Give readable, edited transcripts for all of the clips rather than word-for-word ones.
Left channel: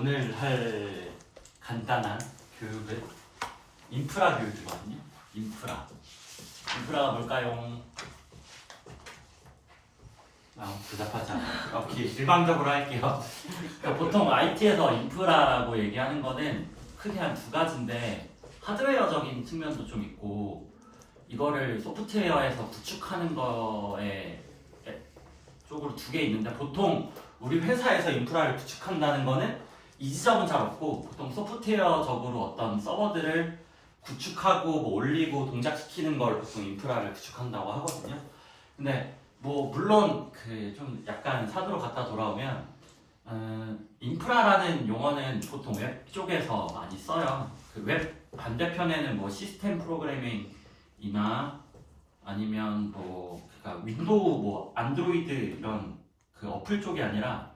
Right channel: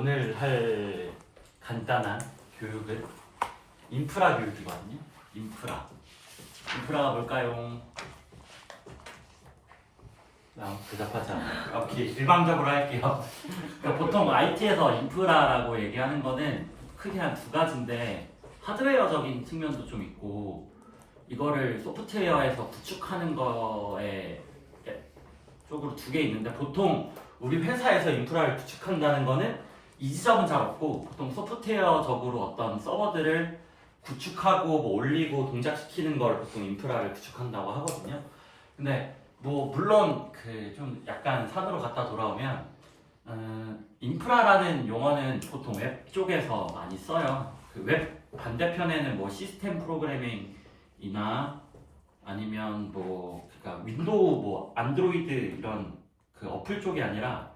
오늘 할 간단한 교육은 인프라 교육이거든요. 인프라가 뭘까요? 대답하지 않아요. 오케이, 일방적으로 할게요. 그러니까 보통 IT에서 인프라라고 얘기하는 거는 크게 한 두 가지인데 하드웨어적인 측면도 좀 있고 이거를 소프트웨어에서 구축하는 거에 쪽으로 두 개 있는데 보통 우리 회사에서 인프라를 구축한다는 거는 이 지점은 잘 없고 보통 소프트웨어적으로 어떤 서버들을 구축하고 뭐 올리고 동작시키는 걸 보통 인프라를 구축한다고 하거든요. 근데 뭐 물론 그 좀 약간 산으로 갔다 돌아오면 인프라라는 용어는 보통 웹 쪽에서 많이 써요. 그 웹 반대편에는 뭐 시스템 프로그래밍이나 아니면 뭐 그러니까 윈도우 뭐 안드로이드 이런 그 어플 쪽이 아니라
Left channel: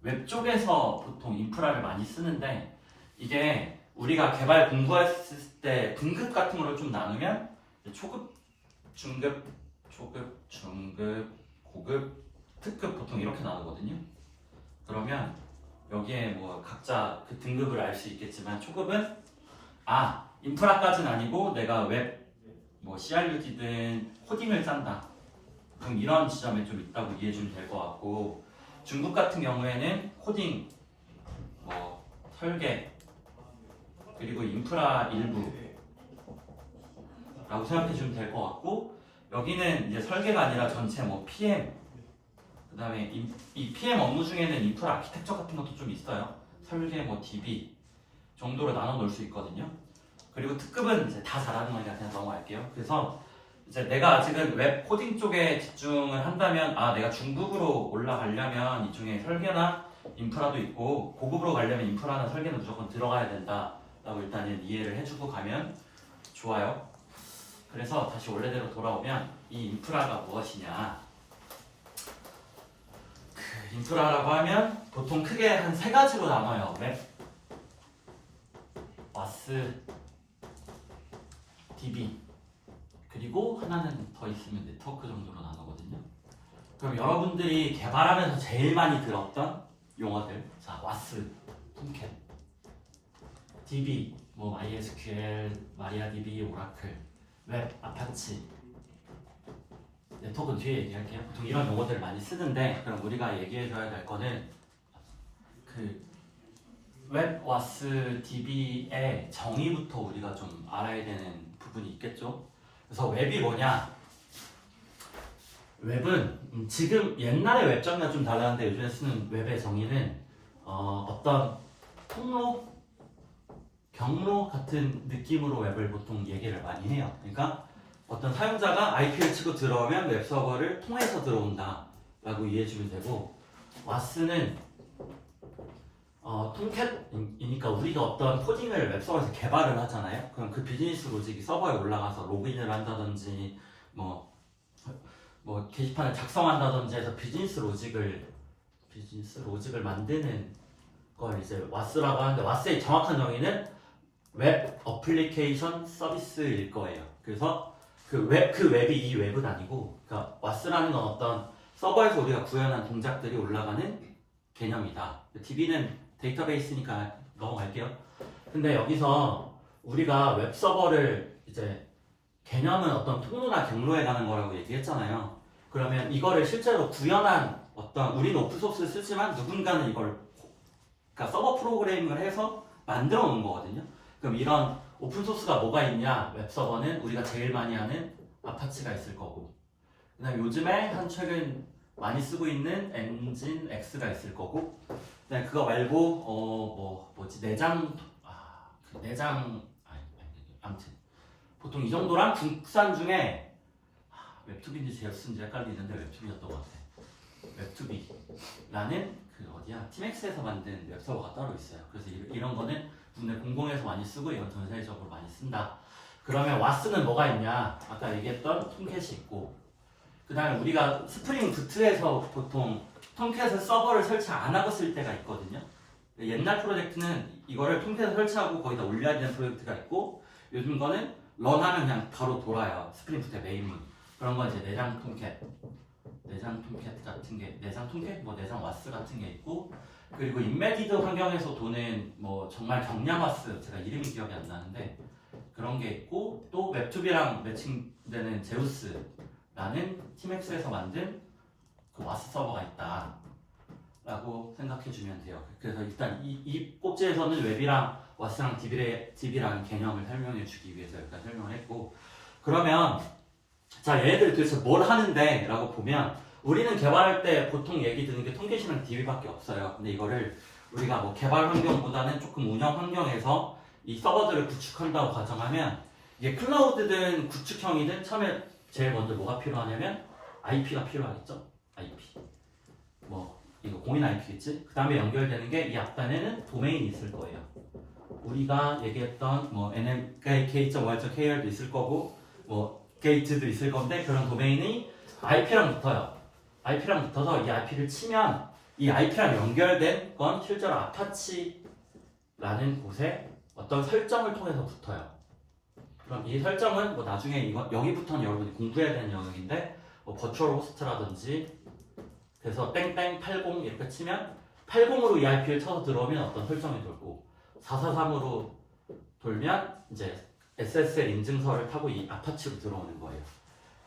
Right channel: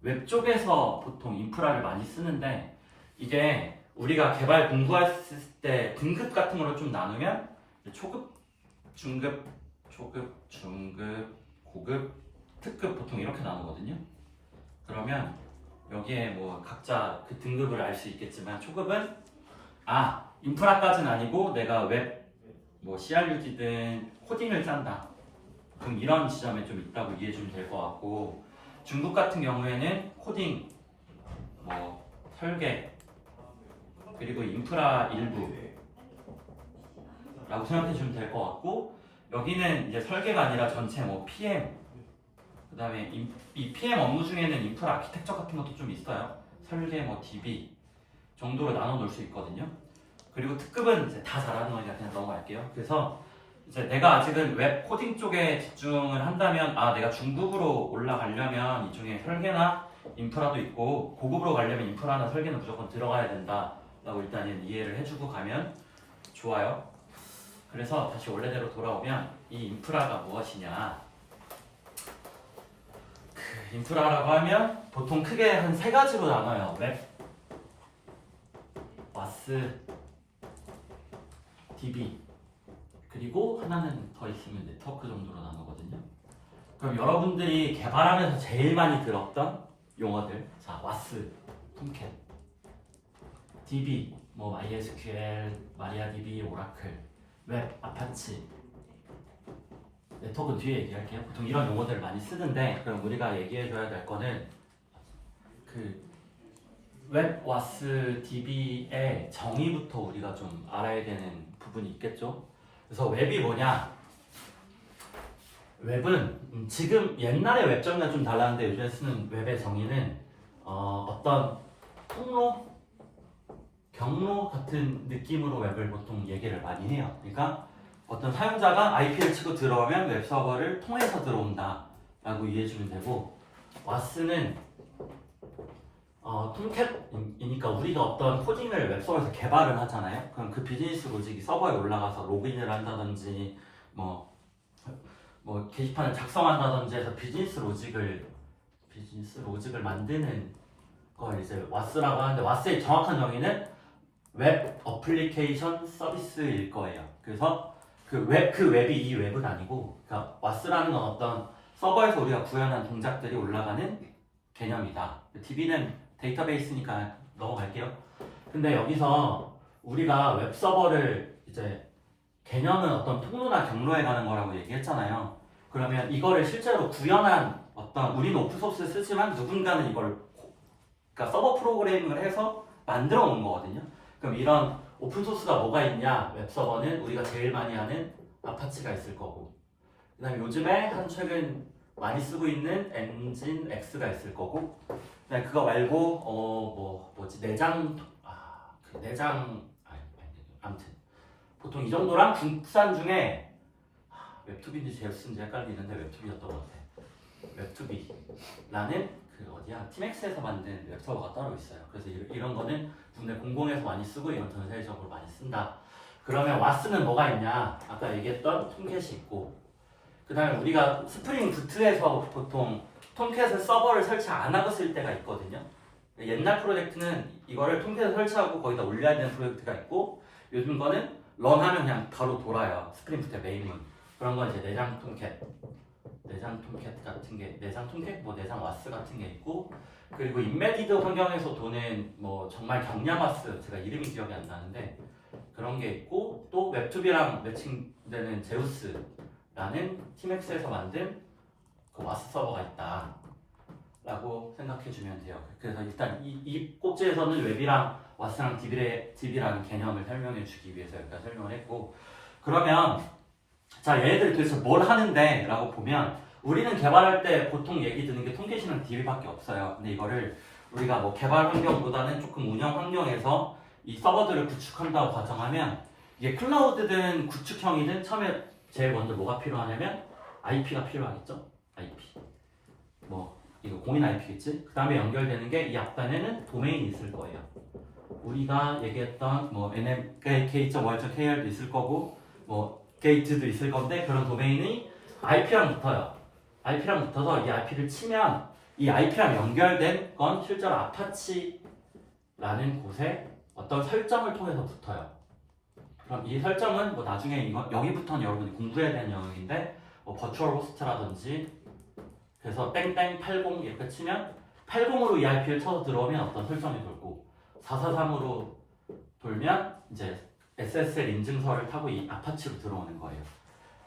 웹 쪽에서 보통 인프라를 많이 쓰는데 이게 우리가 개발 공부했을 때 등급 같은 거를 좀 나누면 초급, 중급, 고급, 특급 보통 이렇게 나누거든요. 그러면 여기에 뭐 각자 그 등급을 알 수 있겠지만 초급은 인프라까지는 아니고 내가 웹 뭐 CRUD든 코딩을 짠다. 그럼 이런 지점에 좀 있다고 이해해 주면 될 것 같고 중급 같은 경우에는 코딩, 뭐 설계 그리고 인프라 일부라고 생각해 주면 될 것 같고 여기는 이제 설계가 아니라 전체 뭐 PM 그 다음에 이 PM 업무 중에는 인프라 아키텍처 같은 것도 좀 있어요. 설계 뭐 DB 정도로 나눠 놓을 수 있거든요. 그리고 특급은 이제 다 잘하는 거니까 그냥 넘어갈게요. 그래서 이제 내가 아직은 웹 코딩 쪽에 집중을 한다면 내가 중급으로 올라가려면 이 중에 설계나 인프라도 있고 고급으로 가려면 인프라나 설계는 무조건 들어가야 된다라고 일단은 이해를 해주고 가면 좋아요. 그래서 다시 원래대로 돌아오면 이 인프라가 무엇이냐 인프라라고 하면 보통 크게 한 세 가지로 나눠요. 웹, 와스, DB 그리고 하나는 더 있으면 네트워크 정도로 나누거든요. 그럼 여러분들이 개발하면서 제일 많이 들었던 용어들 자, 와스, 톰캣, DB, 뭐 MySQL, 마리아DB, 오라클, 웹, 아파치 네트워크는 뒤에 얘기할게요. 보통 이런 용어들을 많이 쓰는데 그럼 우리가 얘기해줘야 될 거는 그 웹, 와스, DB의 정의부터 우리가 좀 알아야 되는 부분이 있겠죠. 그래서 웹이 뭐냐? 웹은 지금 옛날의 웹 정의랑 좀 달랐는데 요즘에 쓰는 웹의 정의는 어떤 통로, 경로 같은 느낌으로 웹을 보통 얘기를 많이 해요. 그러니까 어떤 사용자가 IP를 치고 들어오면 웹 서버를 통해서 들어온다 라고 이해해 주면 되고 와스는 톰캣이니까 우리가 어떤 코딩을 웹서버에서 개발을 하잖아요. 그럼 그 비즈니스 로직이 서버에 올라가서 로그인을 한다든지 뭐 게시판을 작성한다든지 해서 비즈니스 로직을 만드는 걸 이제 와스라고 하는데 와스의 정확한 정의는 웹 어플리케이션 서비스일 거예요. 그래서 그 웹이 이 웹은 아니고 그러니까 와스라는 건 어떤 서버에서 우리가 구현한 동작들이 올라가는 개념이다. DB는 데이터베이스니까 넘어갈게요. 근데 여기서 우리가 웹 서버를 이제 개념은 어떤 통로나 경로에 가는 거라고 얘기했잖아요. 그러면 이거를 실제로 구현한 어떤 우리는 오픈소스를 쓰지만 누군가는 이걸 그러니까 서버 프로그래밍을 해서 만들어 놓은 거거든요. 그럼 이런 오픈소스가 뭐가 있냐? 웹 서버는 우리가 제일 많이 하는 아파치가 있을 거고 그다음에 요즘에 한 최근 많이 쓰고 있는 엔진 X가 있을 거고 네, 그거 말고 아무튼 보통 이 정도랑 국산 중에 웹투비인지 제우스인지 헷갈리는데 웹투비였던 것 같아요. 웹투비라는 그 어디야 팀엑스에서 만든 웹서버가 따로 있어요. 그래서 이런 거는 국내 공공에서 많이 쓰고 이건 전 세계적으로 많이 쓴다. 그러면 와스는 뭐가 있냐? 아까 얘기했던 톰캣이 있고 그 다음에 우리가 스프링 부트에서 보통 톰캣을 서버를 설치 안 하고 쓸 때가 있거든요. 옛날 프로젝트는 이거를 톰캣에 설치하고 거기다 올려야 되는 프로젝트가 있고 요즘 거는 런하면 그냥 바로 돌아요. 스프링 부트의 메인문. 그런 건 이제 내장 톰캣 같은 게 내장 와스 같은 게 있고 그리고 인메디드 환경에서 도는 뭐 정말 경량 와스, 제가 이름이 기억이 안 나는데 그런 게 있고, 또 웹2B랑 매칭되는 제우스라는 팀엑스에서 만든 그 와스 서버가 있다 라고 생각해 주면 돼요. 그래서 일단 이 꼭지에서는 웹이랑 와스랑 DB라는 개념을 설명해 주기 위해서 여기까지 설명을 했고, 그러면 자, 얘네들이 도대체 뭘 하는데 라고 보면, 우리는 개발할 때 보통 얘기 드는 게 통계시랑 DB밖에 없어요. 근데 이거를 우리가 뭐 개발 환경보다는 조금 운영 환경에서 이 서버들을 구축한다고 가정하면, 이게 클라우드든 구축형이든 처음에 제일 먼저 뭐가 필요하냐면 IP가 필요하겠죠? IP. 뭐 이거 공인 IP겠지? 그 다음에 연결되는 게 이 앞단에는 도메인이 있을 거예요. 우리가 얘기했던 뭐 nmk.월.kr도 있을 거고 뭐 게이트도 있을 건데, 그런 도메인이 IP랑 붙어요. IP랑 붙어서 이 IP를 치면 이 IP랑 연결된 건 실제로 아파치라는 곳에 어떤 설정을 통해서 붙어요. 그럼 이 설정은 뭐 나중에 여기부터는 여러분이 공부해야 되는 영역인데, 뭐 버추얼 호스트라든지, 그래서 땡땡 80 이렇게 치면 80으로 이 IP를 쳐서 들어오면 어떤 설정이 돌고, 443으로 돌면 이제 SSL 인증서를 타고 이 아파치로 들어오는 거예요.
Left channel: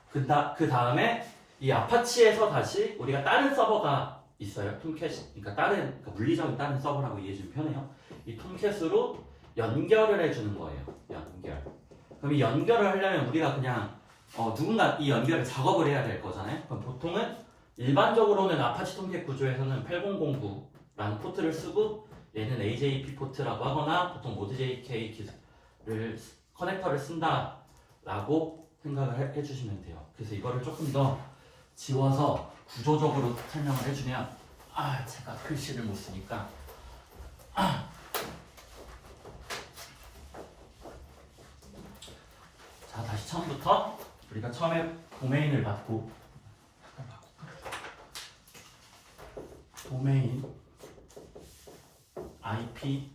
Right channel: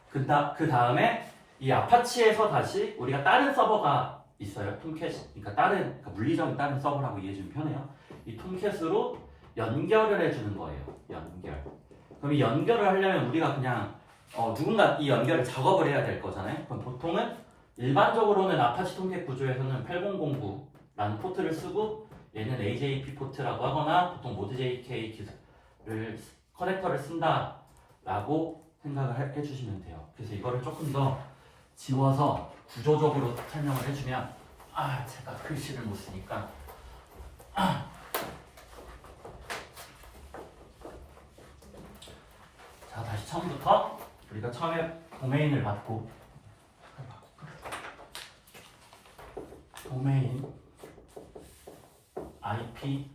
그 다음에 이 아파치에서 다시 우리가 다른 서버가 있어요. 톰캣, 그러니까 물리적인 다른 서버라고 이해해주면 편해요. 이 톰캣으로 연결을 해주는 거예요. 연결. 그럼 이 연결을 하려면 우리가 그냥 누군가 이 연결을 작업을 해야 될 거잖아요. 그럼 보통은 일반적으로는 아파치 톰캣 구조에서는 8009라는 포트를 쓰고, 얘는 AJP 포트라고 하거나 보통 모드 JK 기술을 커넥터를 쓴다라고 생각을 해주시면 돼요. 그래서 이거를 조금 더 지워서 구조적으로 설명을 해주면, 제가 글씨를 못 쓰니까 자, 다시 처음부터 우리가 처음에 도메인을 받고, 도메인 IP,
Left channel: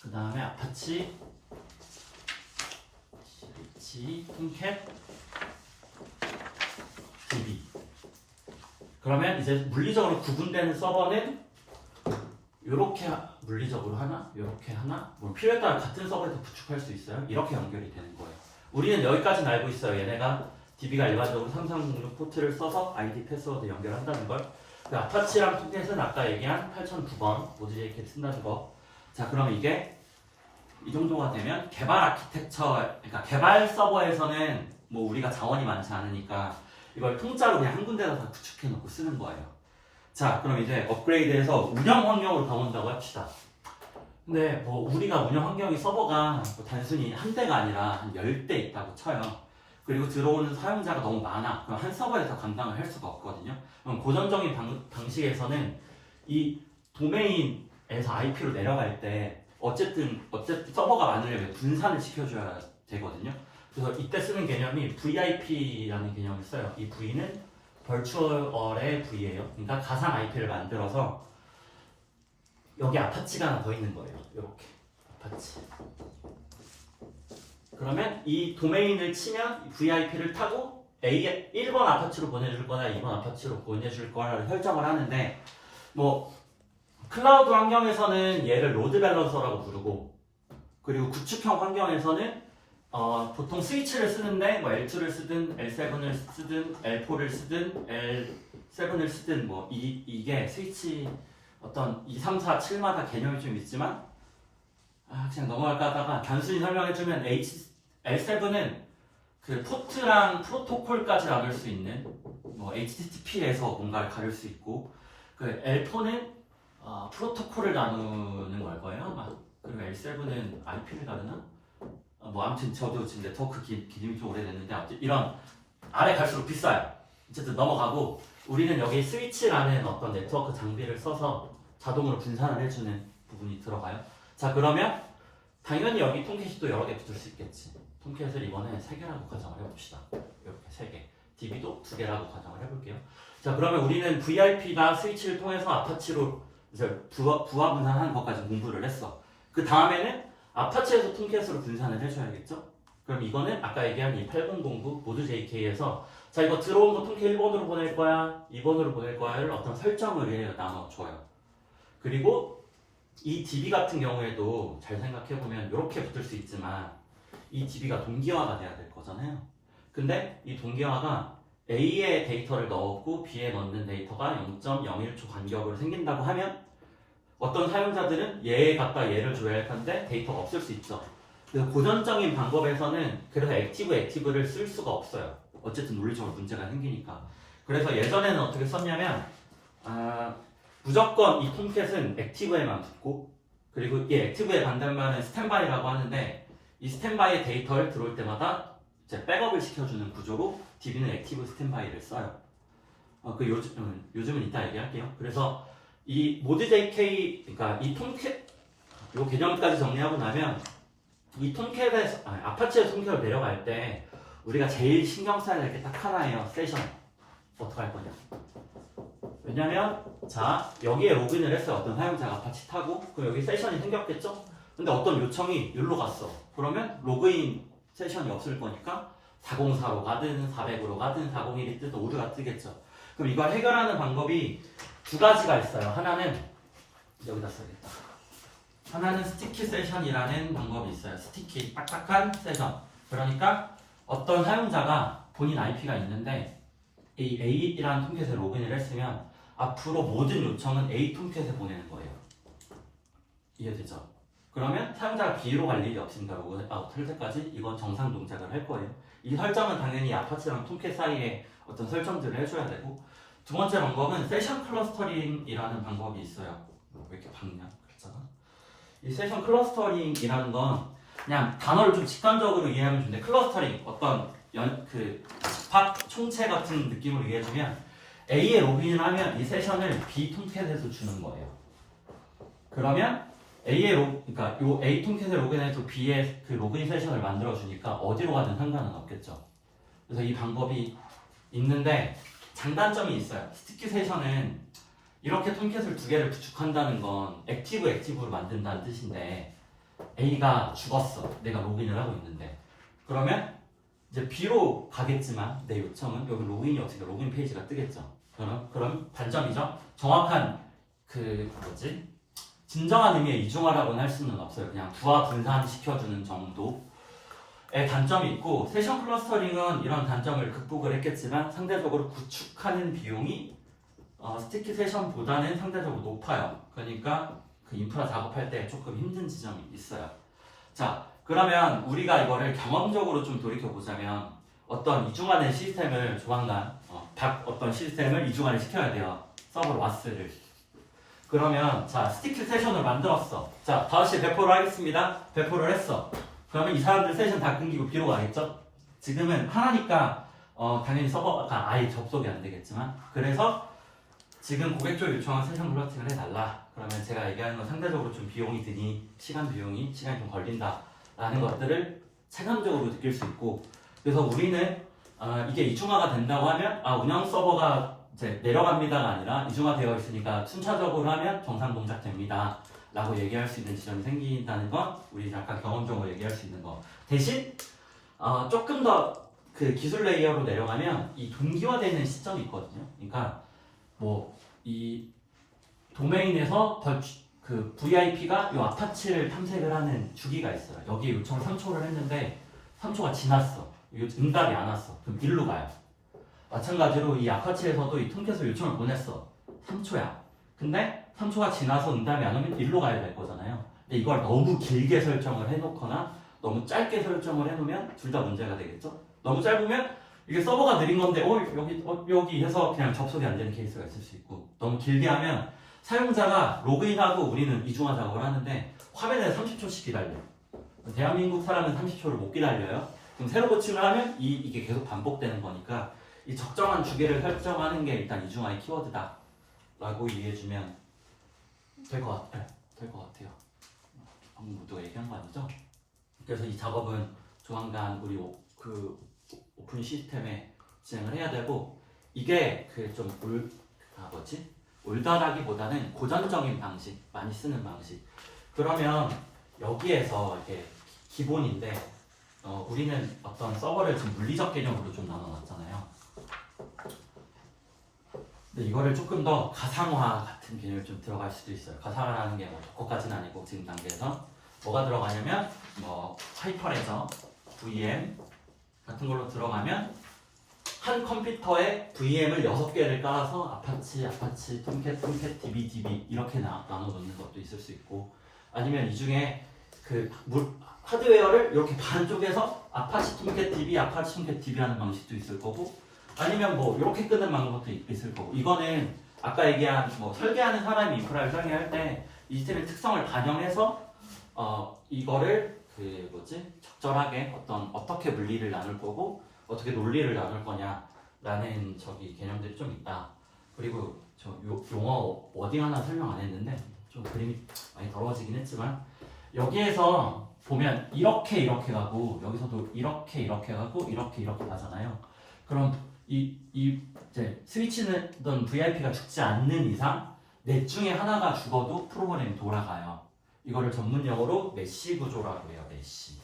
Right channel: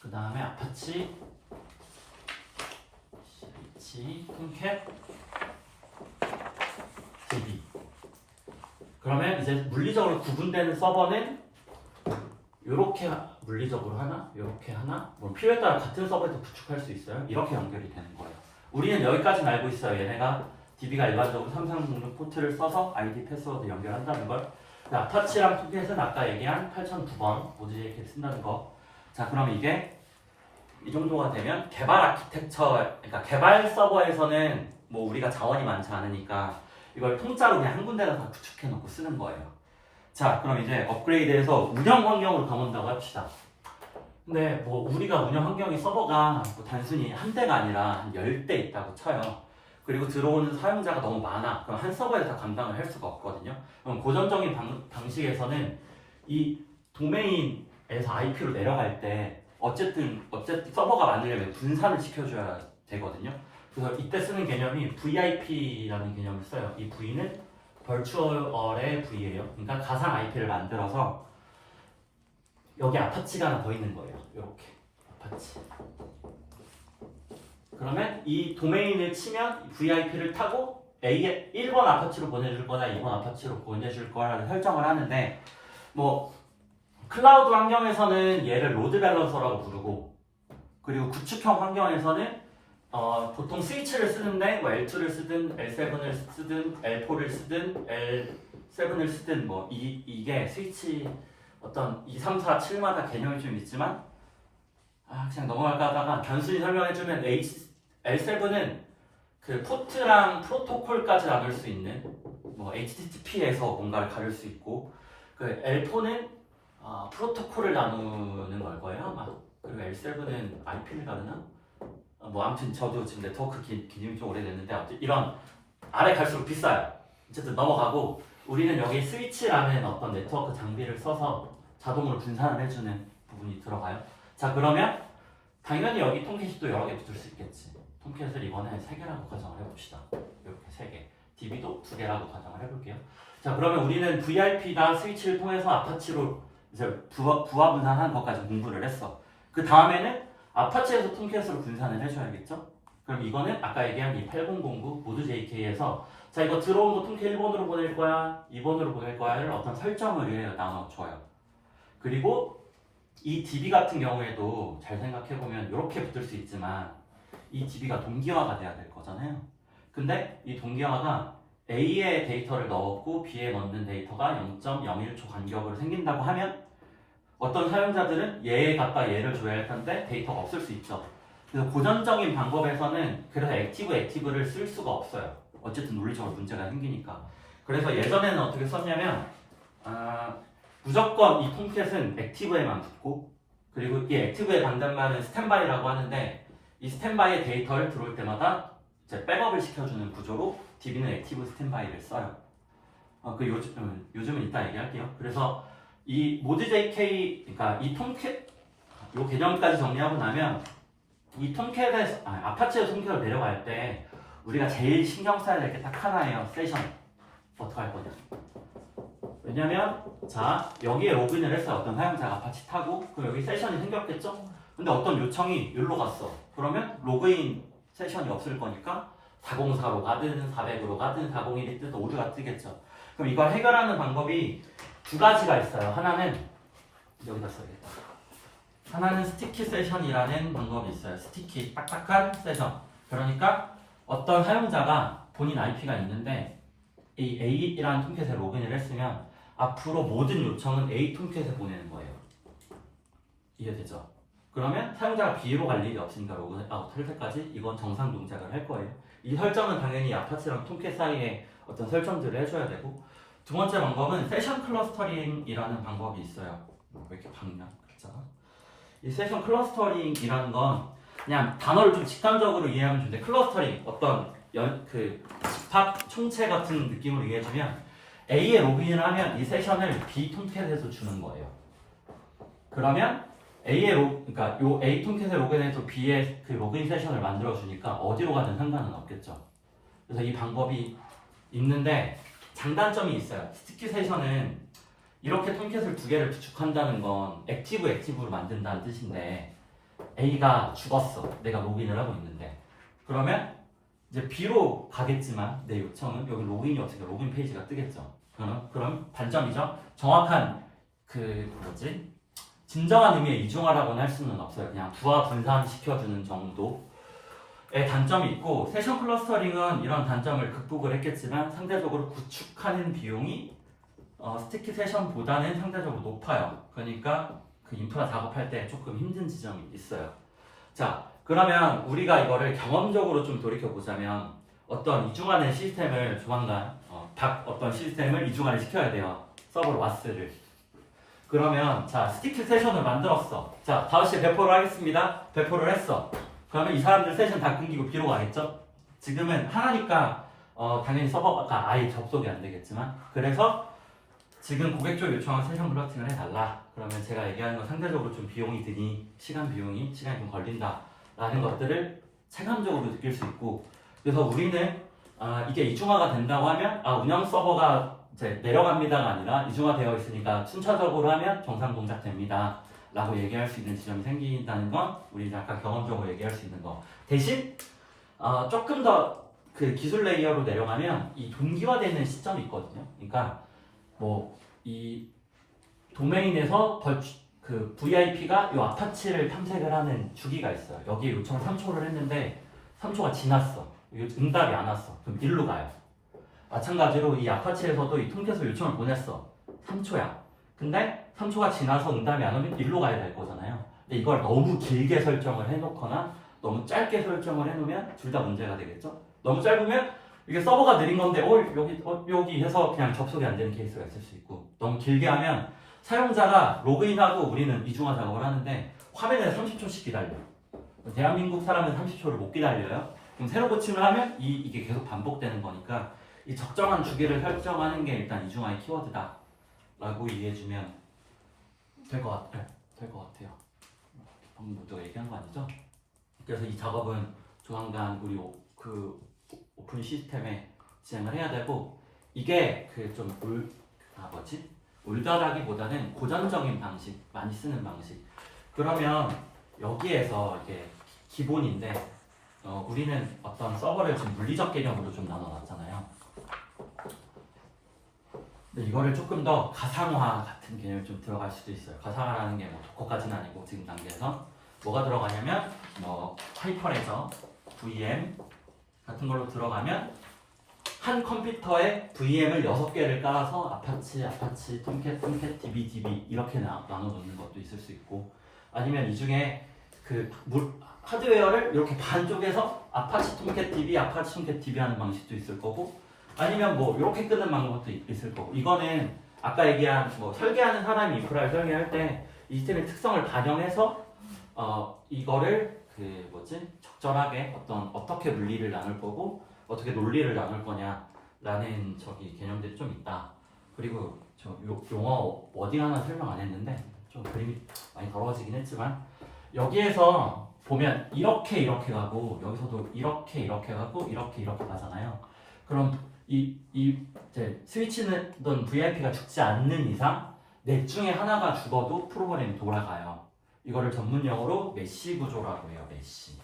그 다음에 아파치 톰캣 DB. 그러면 이제 물리적으로 구분되는 서버는 이렇게 물리적으로 하나, 이렇게 하나, 뭐 필요에 따라 같은 서버에서 구축할 수 있어요. 이렇게 연결이 되는 거예요. 우리는 여기까지는 알고 있어요. 얘네가 DB가 일반적으로 3306 포트를 써서 ID 패스워드 연결한다는 걸. 아파치랑 톰캣은 아까 얘기한 8009번 모드 JK 쓴다는 거. 자, 그럼 이게 이 정도가 되면 개발 아키텍처, 그러니까 개발 서버에서는 뭐 우리가 자원이 많지 않으니까 이걸 통짜로 그냥 한 군데다 다 구축해 놓고 쓰는 거예요. 자, 그럼 이제 업그레이드해서 운영 환경으로 가본다고 합시다. 근데 뭐 우리가 운영 환경이 서버가 뭐 단순히 한 대가 아니라 한 10대 있다고 쳐요. 그리고 들어오는 사용자가 너무 많아. 그럼 한 서버에 다 감당을 할 수가 없거든요. 그럼 고전적인 방식에서는 이 도메인에서 IP로 내려갈 때 어쨌든 서버가 많으려면 분산을 시켜줘야 되거든요. 그래서 이때 쓰는 개념이 VIP라는 개념을 써요. 이 V는 벌추얼의 V예요. 그러니까 가상 IP를 만들어서 여기 아파치가 하나 더 있는 거예요. 이렇게 아파치. 그러면 이 도메인을 치면 VIP를 타고 1번 아파치로 보내줄 거나 2번 아파치로 보내줄 거라는 설정을 하는데, 뭐 클라우드 환경에서는 얘를 로드 밸런서라고 부르고, 그리고 구축형 환경에서는 보통 스위치를 쓰는데 뭐 L2를 쓰든 L7을 쓰든 L4를 쓰든 L7을 쓰든 뭐 이게 스위치 어떤 2, 3, 4, 7마다 개념이 좀 있지만 그냥 넘어갈까 하다가 단순히 설명해주면 L7은 그 포트랑 프로토콜까지 나눌 수 있는 뭐 HTTP에서 뭔가를 가릴 수 있고, 그 L4는 프로토콜을 나누는 걸 거예요 아마. 그리고 L7은 IP를 가르나? 뭐 아무튼 저도 지금 네트워크 기능이 좀 오래됐는데 아무튼 이런 아래 갈수록 비싸요. 어쨌든 넘어가고, 우리는 여기 스위치라는 어떤 네트워크 장비를 써서 자동으로 분산을 해주는 부분이 들어가요. 자, 그러면 당연히 여기 톰캣이 또 여러 개 붙을 수 있겠지. 톰캣을 이번에 3개라고 가정을 해봅시다. 이렇게 3개. DB도 2개라고 가정을 해볼게요. 자, 그러면 우리는 VIP나 스위치를 통해서 아파치로 이제 부하 분산하는 것까지 공부를 했어. 그 다음에는 아파치에서 톰캣으로 분산을 해줘야겠죠? 그럼 이거는 아까 얘기한 이 8009 모드 JK에서 자, 이거 들어온 거 톰캣 1번으로 보낼 거야, 2번으로 보낼 거야를 어떤 설정을 나눠줘요. 그리고 이 DB 같은 경우에도 잘 생각해보면 이렇게 붙을 수 있지만 이 DB가 동기화가 돼야 될 거잖아요. 근데 이 동기화가 A에 데이터를 넣었고 B에 넣는 데이터가 0.01초 간격으로 생긴다고 하면 어떤 사용자들은 얘에 갖다 얘를 줘야 할 텐데 데이터가 없을 수 있죠. 그래서 고전적인 방법에서는 그래서 액티브를 쓸 수가 없어요. 어쨌든 논리적으로 문제가 생기니까. 그래서 예전에는 어떻게 썼냐면 무조건 이 톰캣은 액티브에만 붙고 그리고 이 액티브의 반대말은 스탠바이라고 하는데 이 스탠바이의 데이터를 들어올 때마다 이제 백업을 시켜주는 구조로 DB는 액티브 스탠바이를 써요. 요즘은 이따 얘기할게요. 그래서 이 모드 JK, 그러니까 이 톰캣, 요 개념까지 정리하고 나면 이 톰캣에서, 아파치에서 톰캣을 내려갈 때 우리가 제일 신경 써야 될 게 딱 하나예요. 세션. 어떻게 할 거냐. 왜냐면, 자, 여기에 로그인을 했어요. 어떤 사용자가 아파치 타고, 그럼 여기 세션이 생겼겠죠? 근데 어떤 요청이 여기로 갔어. 그러면 로그인 세션이 없을 거니까 404로 가든 400으로 가든 401이 뜨든 오류가 뜨겠죠. 그럼 이걸 해결하는 방법이 두 가지가 있어요. 하나는 여기다 써야겠다. 하나는 스티키 세션이라는 방법이 있어요. 스티키, 딱딱한 세션. 그러니까 어떤 사용자가 본인 IP가 있는데 이 A라는 톰캣에 로그인을 했으면 앞으로 모든 요청은 A 톰캣에 보내는 거예요. 이해되죠? 그러면 사용자가 B로 갈 일이 없으니까 로그아웃 할 때까지 이건 정상 동작을 할 거예요. 이 설정은 당연히 아파치랑 톰캣 사이에 어떤 설정들을 해줘야 되고 두 번째 방법은 세션 클러스터링이라는 방법이 있어요. 왜 이렇게 박나? 그렇잖아. 이 세션 클러스터링이라는 건 그냥 단어를 좀 직관적으로 이해하면 좋은데 클러스터링 어떤 팝 총체 같은 느낌으로 이해해주면 A에 로그인을 하면 이 세션을 B 톰캣에서 주는 거예요. 그러면 그러니까 요 A 톰캣에 로그인해서 B의 그 로그인 세션을 만들어 주니까 어디로 가든 상관은 없겠죠. 그래서 이 방법이 있는데 장단점이 있어요. 스티키 세션은 이렇게 톰캣을 두 개를 구축한다는 건 액티브로 만든다는 뜻인데 A가 죽었어. 내가 로그인을 하고 있는데 그러면 이제 B로 가겠지만 내 요청은 여기 로그인이 어떻게 로그인 페이지가 뜨겠죠. 그럼 단점이죠. 정확한 진정한 의미의 이중화라고는 할 수는 없어요. 그냥 부하 분산시켜주는 정도의 단점이 있고 세션 클러스터링은 이런 단점을 극복을 했겠지만 상대적으로 구축하는 비용이 스티키 세션보다는 상대적으로 높아요. 그러니까 그 인프라 작업할 때 조금 힘든 지점이 있어요. 자, 그러면 우리가 이거를 경험적으로 좀 돌이켜보자면 어떤 이중화된 시스템을 조만간 어떤 시스템을 이중화를 시켜야 돼요. 서버 와스를. 그러면 자 스티키 세션을 만들었어. 자 5시에 배포를 하겠습니다. 배포를 했어. 그러면 이 사람들 세션 다 끊기고 B로 가겠죠? 지금은 하나니까 당연히 서버가 아예 접속이 안 되겠지만 그래서 지금 고객 쪽 요청한 세션 블러팅을 해달라. 그러면 제가 얘기하는 건 상대적으로 좀 비용이 드니 시간이 좀 걸린다 라는 것들을 체감적으로 느낄 수 있고 그래서 우리는 이게 이중화가 된다고 하면 운영 서버가 이제 내려갑니다가 아니라 이중화되어 있으니까 순차적으로 하면 정상 동작 됩니다 라고 얘기할 수 있는 지점이 생긴다는 건 우리 약간 경험적으로 얘기할 수 있는 거 대신 조금 더 그 기술 레이어로 내려가면 이 동기화되는 시점이 있거든요. 그러니까 뭐 이 도메인에서 그 VIP가 이 아파치를 탐색을 하는 주기가 있어요. 여기에 요청을 3초를 했는데 3초가 지났어. 응답이 안 왔어. 그럼 일로 가요. 마찬가지로 이 아파치에서도 이 톰캣을 요청을 보냈어. 3초야. 근데 3초가 지나서 응답이 안 오면 일로 가야 될 거잖아요. 근데 이걸 너무 길게 설정을 해놓거나 너무 짧게 설정을 해놓으면 둘 다 문제가 되겠죠. 너무 짧으면 이게 서버가 느린 건데 여기 해서 그냥 접속이 안 되는 케이스가 있을 수 있고 너무 길게 하면 사용자가 로그인하고 우리는 이중화 작업을 하는데 화면에 30초씩 기다려. 대한민국 사람은 30초를 못 기다려요. 그럼 새로 고침을 하면 이게 계속 반복되는 거니까 이 적정한 주기를 설정하는 게 일단 이중화의 키워드다 라고 이해해주면 될 것 같아요. 방금 모두 얘기한 거 아니죠? 그래서 이 작업은 조만간 우리 오픈 시스템에 진행을 해야 되고 이게 올드하기보다는 고전적인 방식, 많이 쓰는 방식. 그러면 여기에서 이게 기본인데 우리는 어떤 서버를 지금 물리적 개념으로 좀 나눠놨잖아요. 근데 이거를 조금 더 가상화 같은 개념이 좀 들어갈 수도 있어요. 가상화라는 게 뭐 도커까지는 아니고 지금 단계에서 뭐가 들어가냐면 뭐 하이퍼레저, VM 같은 걸로 들어가면 한 컴퓨터에 VM을 6개를 깔아서 아파치, 톰캣, DB 이렇게 나눠놓는 것도 있을 수 있고 아니면 이 중에 그 하드웨어를 이렇게 반쪽에서 아파치 톰캣 DB 하는 방식도 있을 거고 아니면 뭐 이렇게 끄는 방법도 있을 거고 이거는 아까 얘기한 뭐 설계하는 사람이 인프라를 설계할 때 이 시스템의 특성을 반영해서 이거를 그 뭐지 적절하게 어떻게 물리를 나눌 거고 어떻게 논리를 나눌 거냐라는 개념들이 좀 있다. 그리고 저 용어 워딩 하나 설명 안 했는데 좀 그림이 많이 더러워지긴 했지만 여기에서 보면 이렇게 가고 여기서도 이렇게 가고 이렇게 가잖아요. 그럼 이제 스위치는 VIP가 죽지 않는 이상 넷 중에 하나가 죽어도 프로그램이 돌아가요. 이거를 전문용어로 메쉬 구조라고 해요. 메쉬.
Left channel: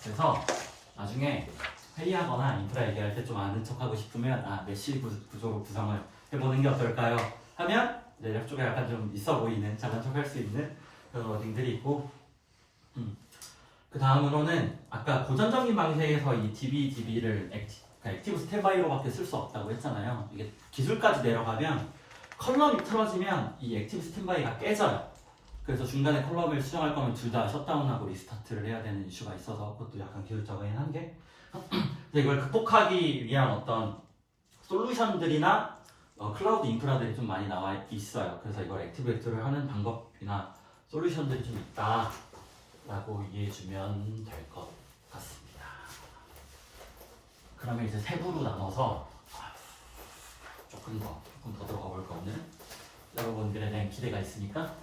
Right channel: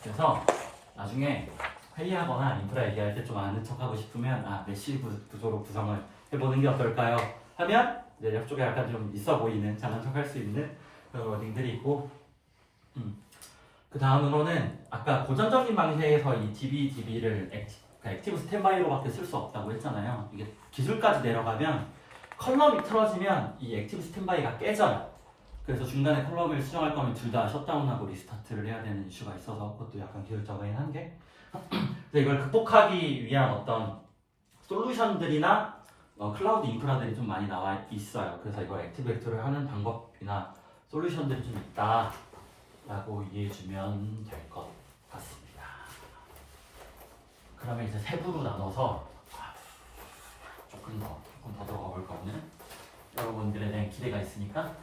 그래서 나중에 회의하거나 인프라 얘기할 때 좀 아는 척하고 싶으면 메쉬 구조로 구성을 해보는 게 어떨까요? 하면 이제 옆쪽에 약간 좀 있어 보이는 작은 척할 수 있는 그런 워딩들이 있고 그 다음으로는 아까 고전적인 방식에서 이 DB를 액티브 스탠바이로밖에 쓸 수 없다고 했잖아요. 이게 기술까지 내려가면 컬럼이 틀어지면 이 액티브 스탠바이가 깨져요. 그래서 중간에 컬럼을 수정할 거면 둘 다 셧다운하고 리스타트를 해야 되는 이슈가 있어서 그것도 약간 기술적이긴 한 게 근데 이걸 극복하기 위한 어떤 솔루션들이나 클라우드 인프라들이 좀 많이 나와 있어요. 그래서 이걸 액티베이트를 하는 방법이나 솔루션들이 좀 있다 라고 이해해주면 될 것 같습니다. 그러면 이제 세부로 나눠서 조금 더 들어가 볼까 오늘은 여러분들에 대한 기대가 있으니까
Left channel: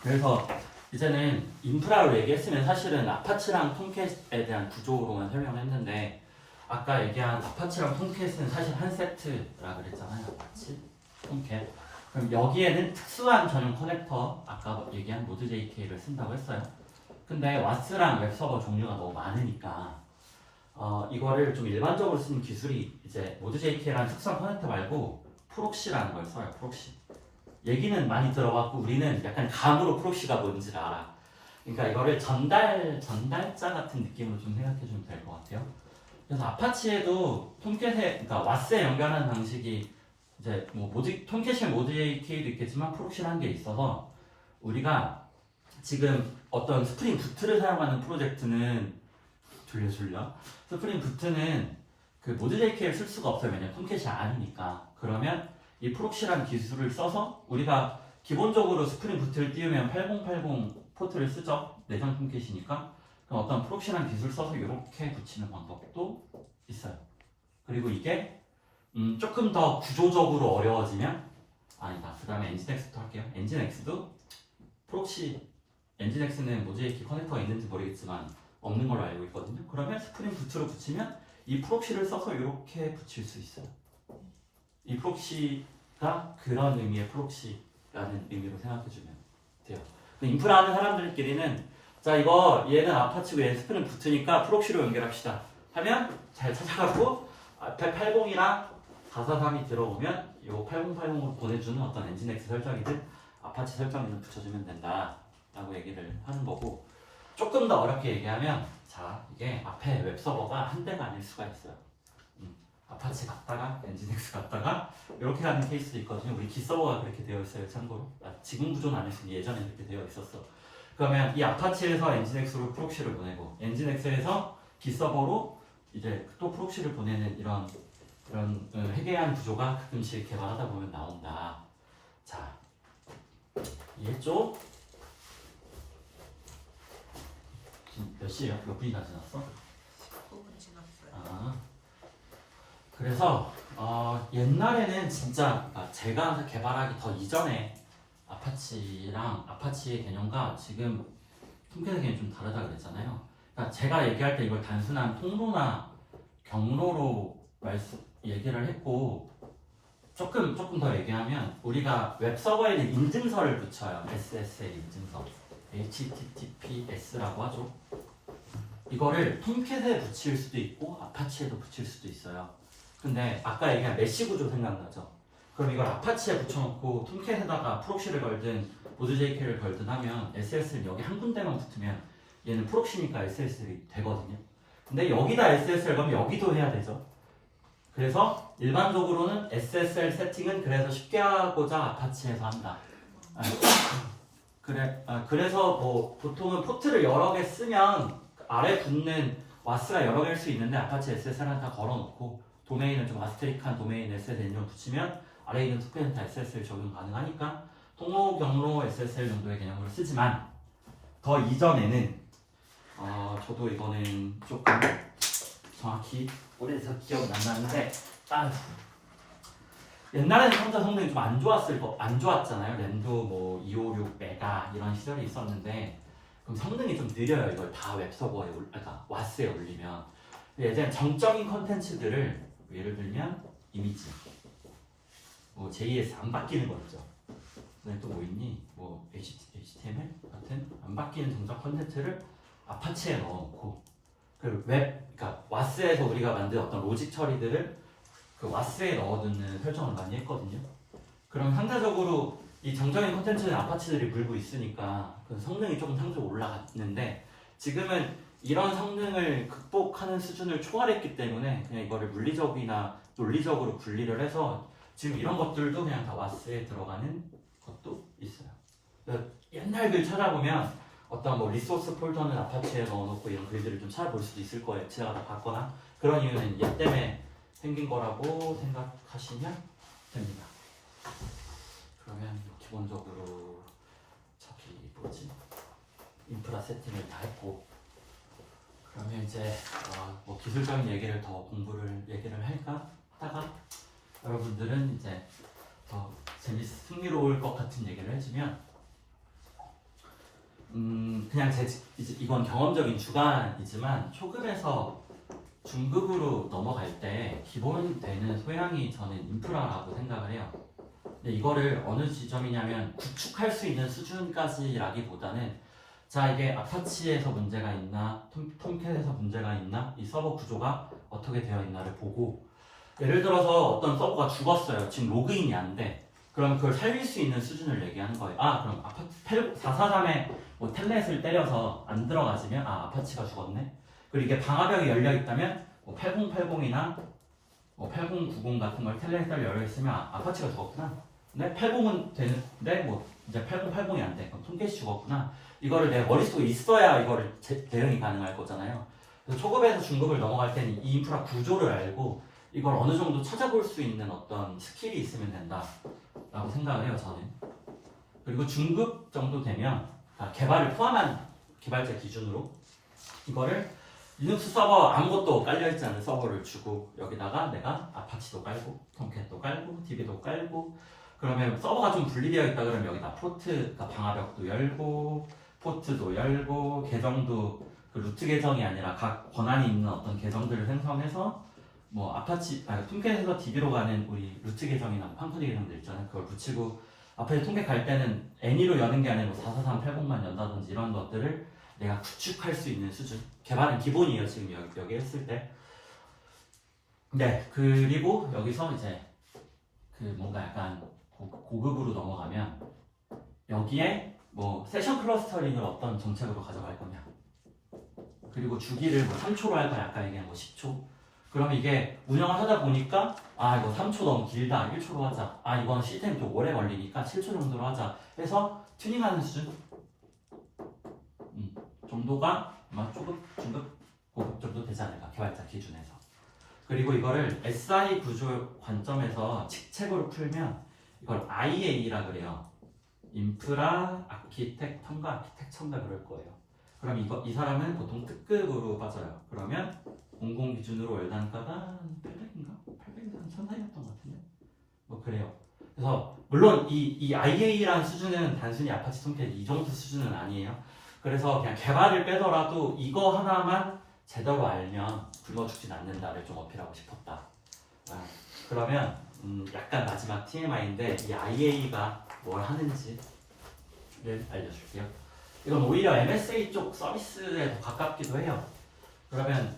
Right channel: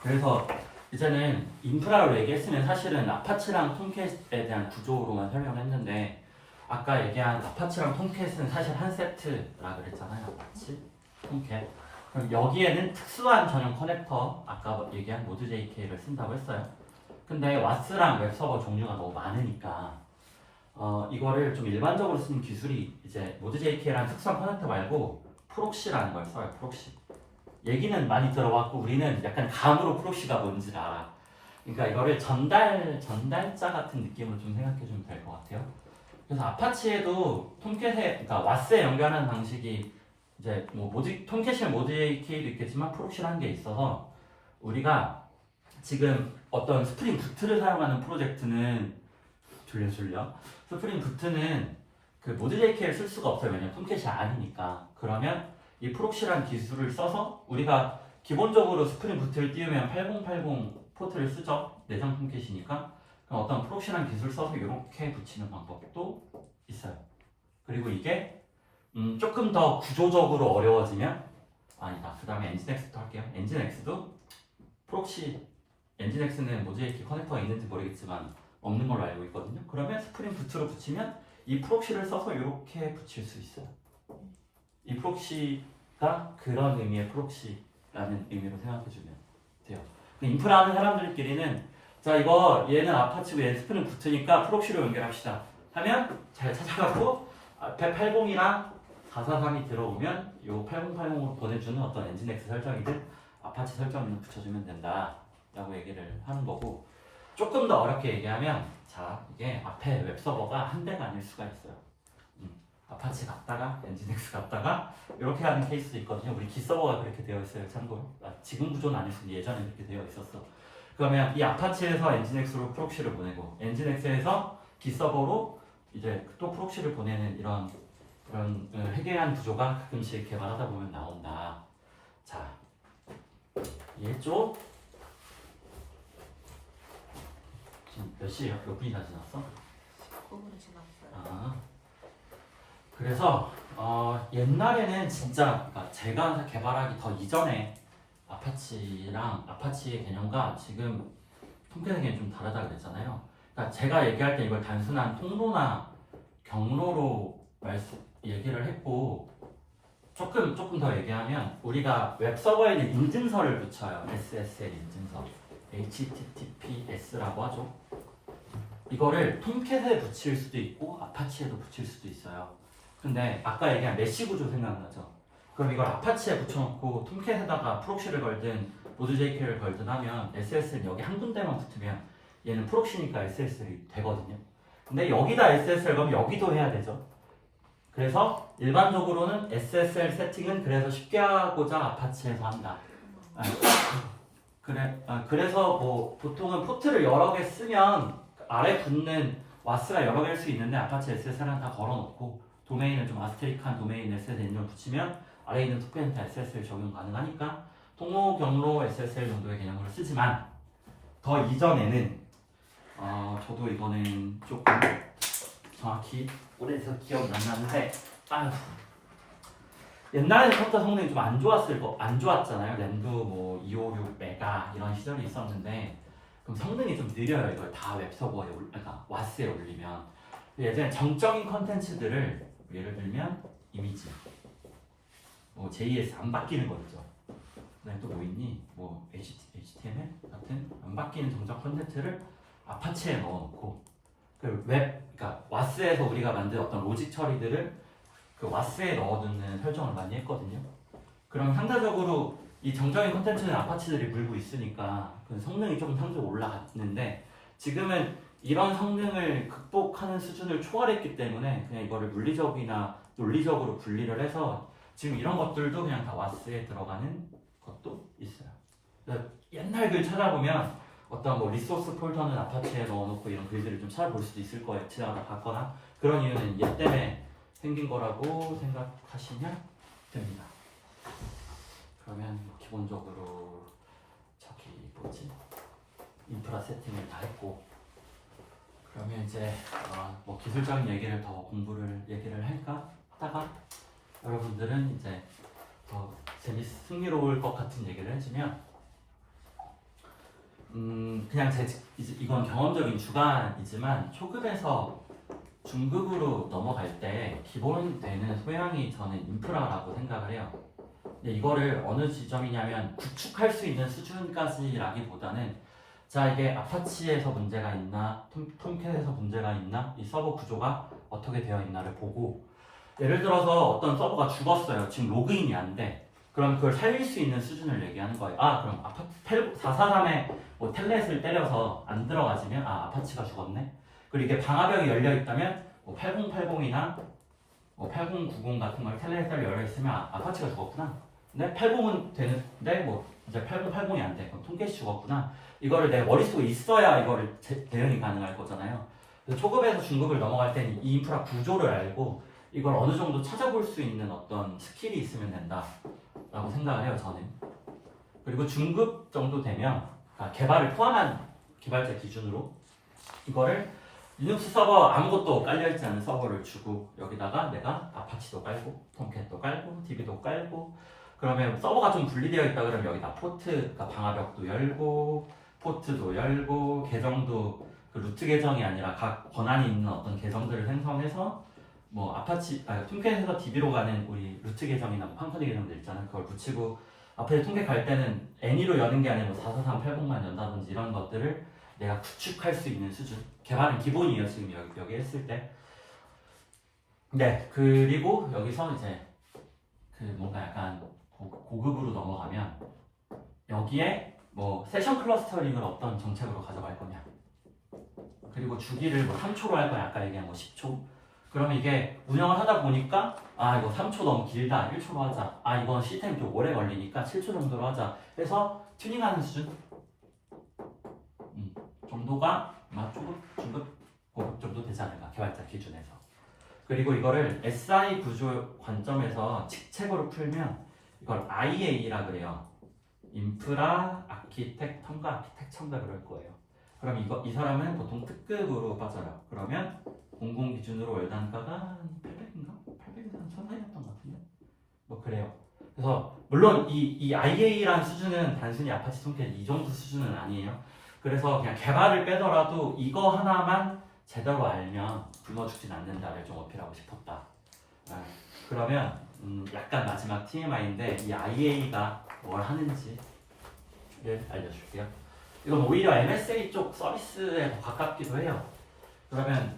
그래서 이제는 인프라로 얘기했으면 사실은 아파치랑 톰캣에 대한 구조로만 설명했는데 아까 얘기한 아파치랑 톰캣은 사실 한 세트라 그랬잖아요. 아파치, 톰캣. 그럼 여기에는 특수한 전용 커넥터 아까 얘기한 모드.jk를 쓴다고 했어요. 근데 와스랑 웹서버 종류가 너무 많으니까 이거를 좀 일반적으로 쓰는 기술이 이제 모드.jk라는 특수한 커넥터 말고 프록시라는 걸 써요. 프록시. 얘기는 많이 들어봤고 우리는 약간 감으로 프록시가 뭔지를 알아. 그러니까 이거를 전달자 같은 느낌으로 좀 생각해 주면 될 것 같아요. 그래서 아파치에도 그러니까 와스에 연결하는 방식이 이제 뭐 톰캣이 모드.jk도 있겠지만 프록시라는 게 있어서 우리가 지금 어떤 스프링 부트를 사용하는 프로젝트는 졸려 스프링 부트는 그 모드.jk를 쓸 수가 없어요. 왜냐면 톰캣이 아니니까. 그러면 이 프록시라는 기술을 써서 우리가 기본적으로 스프링 부트를 띄우면 8080 포트를 쓰죠. 내장 톰캣이니까. 그럼 어떤 프록시라는 기술을 써서 이렇게 붙이는 방법도 있어요. 그리고 이게 조금 더 구조적으로 어려워지면 아니다. 그 다음에 엔진엑스도 할게요. 엔진엑스도 프록시 엔진엑스는 모드.jk 커넥터가 있는지 모르겠지만 없는 걸로 알고 있거든요. 그러면 스프링 부트로 붙이면 이 프록시를 써서 이렇게 붙일 수 있어요. 이 프록시가 그런 의미의 프록시라는 의미로 생각해주면 돼요. 근데 인프라 하는 사람들끼리는 자 이거 얘는 아파치고 얘는 스프링 부트니까 프록시로 연결합시다 하면 잘 찾아가고 180이랑 443이 들어오면 이 8080으로 보내주는 어떤 엔진엑스 설정이든 아파치 설정을 붙여주면 된다 라고 얘기를 하는 거고 조금 더 어렵게 얘기하면 자 이게 앞에 웹서버가 한 대가 아닐 수가 있어요. 아파치 갔다가 엔진엑스 갔다가 이렇게 하는 케이스도 있거든요. 우리 기서버가 그렇게 되어 있어요. 참고로 지금 구조는 아니지만 예전에 그렇게 되어 있었어. 그러면 이 아파치에서 엔진엑스로 프록시를 보내고 엔진엑스에서 기서버로 이제 또 프록시를 보내는 이런 해괴한 구조가 가끔씩 개발하다 보면 나온다. 자 이해했죠? 지금 몇 시에요? 몇 분이나 지났어? 9분 지났어요. 아 그래서 옛날에는 진짜 그러니까 제가 개발하기 더 이전에 아파치의 개념과 지금 톰캣의 개념이 좀 다르다 그랬잖아요. 그러니까 제가 얘기할 때 이걸 단순한 통로나 경로로 얘기를 했고 조금 더 얘기하면 우리가 웹서버에는 인증서를 붙여요. SSL 인증서 HTTPS라고 하죠. 이거를 톰캣에 붙일 수도 있고 아파치에도 붙일 수도 있어요. 근데 아까 얘기한 메시 구조 생각나죠? 그럼 이걸 아파치에 붙여놓고 톰캣에다가 프록시를 걸든 보드.jk를 걸든 하면 SSL 여기 한 군데만 붙으면 얘는 프록시니까 SSL이 되거든요. 근데 여기다 SSL 그러면 여기도 해야 되죠. 그래서 일반적으로는 SSL 세팅은 그래서 쉽게 하고자 아파치에서 한다. 그래서 뭐 보통은 포트를 여러 개 쓰면 아래 붙는 와스가 여러 개일 수 있는데 아파치 SSL은 다 걸어놓고 도메인은 좀 아스테릭한 도메인 SSL 좀 붙이면 아래에 있는 투표는 다 SSL 적용 가능하니까 통로 경로 SSL 정도의 개념으로 쓰지만 더 이전에는 저도 이거는 조금 정확히 오래돼서 기억은 안 나는데 옛날에는 컴퓨터 성능이 좀 안 좋았잖아요. 램도 뭐 256 메가 이런 시절이 있었는데 그럼 성능이 좀 느려요. 이걸 다 웹서버에 그러니까 와스에 올리면 예전에 정적인 컨텐츠들을 예를 들면 이미지 뭐 JS 안 바뀌는 거 있죠. 그다음에 또 뭐 있니? 뭐 HTML 같은 안 바뀌는 정적 컨텐츠를 아파치에 넣어놓고 그러니까 와스에서 우리가 만든 어떤 로직 처리들을 그 와스에 넣어두는 설정을 많이 했거든요. 그럼 상대적으로 이 정적인 콘텐츠는 아파치들이 물고 있으니까 그 성능이 조금 상대적으로 올라갔는데 지금은 이런 성능을 극복하는 수준을 초월했기 때문에 그냥 이거를 물리적이나 논리적으로 분리를 해서 지금 이런 것들도 그냥 다 와스에 들어가는 것도 있어요. 그러니까 옛날 글 찾아보면 어떤 뭐 리소스 폴더는 아파치에 넣어놓고 이런 글들을 좀 찾아볼 수도 있을 거예요. 지나가다 봤거나 그런 이유는 얘 때문에 생긴 거라고 생각하시면 됩니다. 그러면 기본적으로 저기 뭐지 인프라 세팅을 다 했고 그러면 이제 뭐 기술적인 얘기를 더 얘기를 할까 하다가 여러분들은 이제 더 흥미로울 것 같은 얘기를 해주면 그냥 이제 이건 경험적인 주관이지만 초급에서 중급으로 넘어갈 때 기본 되는 소양이 저는 인프라라고 생각을 해요. 근데 이거를 어느 지점이냐면 구축할 수 있는 수준까지라기보다는 자 이게 아파치에서 문제가 있나 톰캣에서 문제가 있나 이 서버 구조가 어떻게 되어 있나를 보고 예를 들어서 어떤 서버가 죽었어요. 지금 로그인이 안 돼. 그럼 그걸 살릴 수 있는 수준을 얘기하는 거예요. 그럼 443에 뭐 텔넷을 때려서 안 들어가지면 아파치가 죽었네. 그리고 이게 방화벽이 열려 있다면 뭐 8080이나 뭐 8090 같은 걸 텔넷을 열려 있으면 아파치가 죽었구나. 근데 80은 되는데 뭐 이제 8080이 안 돼. 그럼 톰캣이 죽었구나. 이거를 내 머릿속에 있어야 이거를 대응이 가능할 거잖아요. 그래서 초급에서 중급을 넘어갈 때는 이 인프라 구조를 알고 이걸 어느 정도 찾아볼 수 있는 어떤 스킬이 있으면 된다라고 생각을 해요, 저는. 그리고 중급 정도 되면 개발을 포함한 개발자 기준으로 이거를 리눅스 서버 아무것도 깔려있지 않은 서버를 주고 여기다가 내가 아파치도 깔고 톰캣도 깔고 DB도 깔고 그러면 서버가 좀 분리되어 있다 그러면 여기다 포트, 그러니까 방화벽도 열고 포트도 열고 계정도 그 루트 계정이 아니라 각 권한이 있는 어떤 계정들을 생성해서 뭐 톰캣에서 DB로 가는 우리 루트 계정이나 팡커니 계정들 있잖아요. 그걸 붙이고 앞에 톰캣 갈 때는 애니로 여는 게 아니라 44380만 연다든지 이런 것들을 내가 구축할 수 있는 수준. 개발은 기본이에요. 지금 여기 했을 때. 네, 그리고 여기서 이제 그 뭔가 약간 고급으로 넘어가면 여기에 뭐 세션 클러스터링을 어떤 정책으로 가져갈 거냐. 그리고 주기를 뭐 3초로 할 거냐. 아까 얘기한 뭐 10초. 그러면 이게 운영을 하다 보니까 이거 3초 너무 길다. 1초로 하자. 이건 시스템이 좀 오래 걸리니까 7초 정도로 하자. 해서 튜닝하는 수준. 정도가 아마 조금 중급 고급 정도 되지 않을까 개발자 기준에서. 그리고 이거를 SI 구조 관점에서 직책으로 풀면 이걸 IA라 그래요. 인프라 아키텍터인가 아키텍처인가 그럴 거예요. 그럼 이 사람은 보통 특급으로 빠져요. 그러면 공공 기준으로 월단가가 800인가? 800에서 1000사이였던 것 같은데 뭐 그래요. 그래서 물론 이 IA라는 수준은 단순히 아파치 톰캣 이 정도 수준은 아니에요. 그래서 그냥 개발을 빼더라도 이거 하나만 제대로 알면 굶어 죽진 않는다를 좀 어필하고 싶었다. 그러면 약간 마지막 TMI인데 이 IA가 뭘 하는지를 알려줄게요. 이건 오히려 MSA 쪽 서비스에 더 가깝기도 해요. 그러면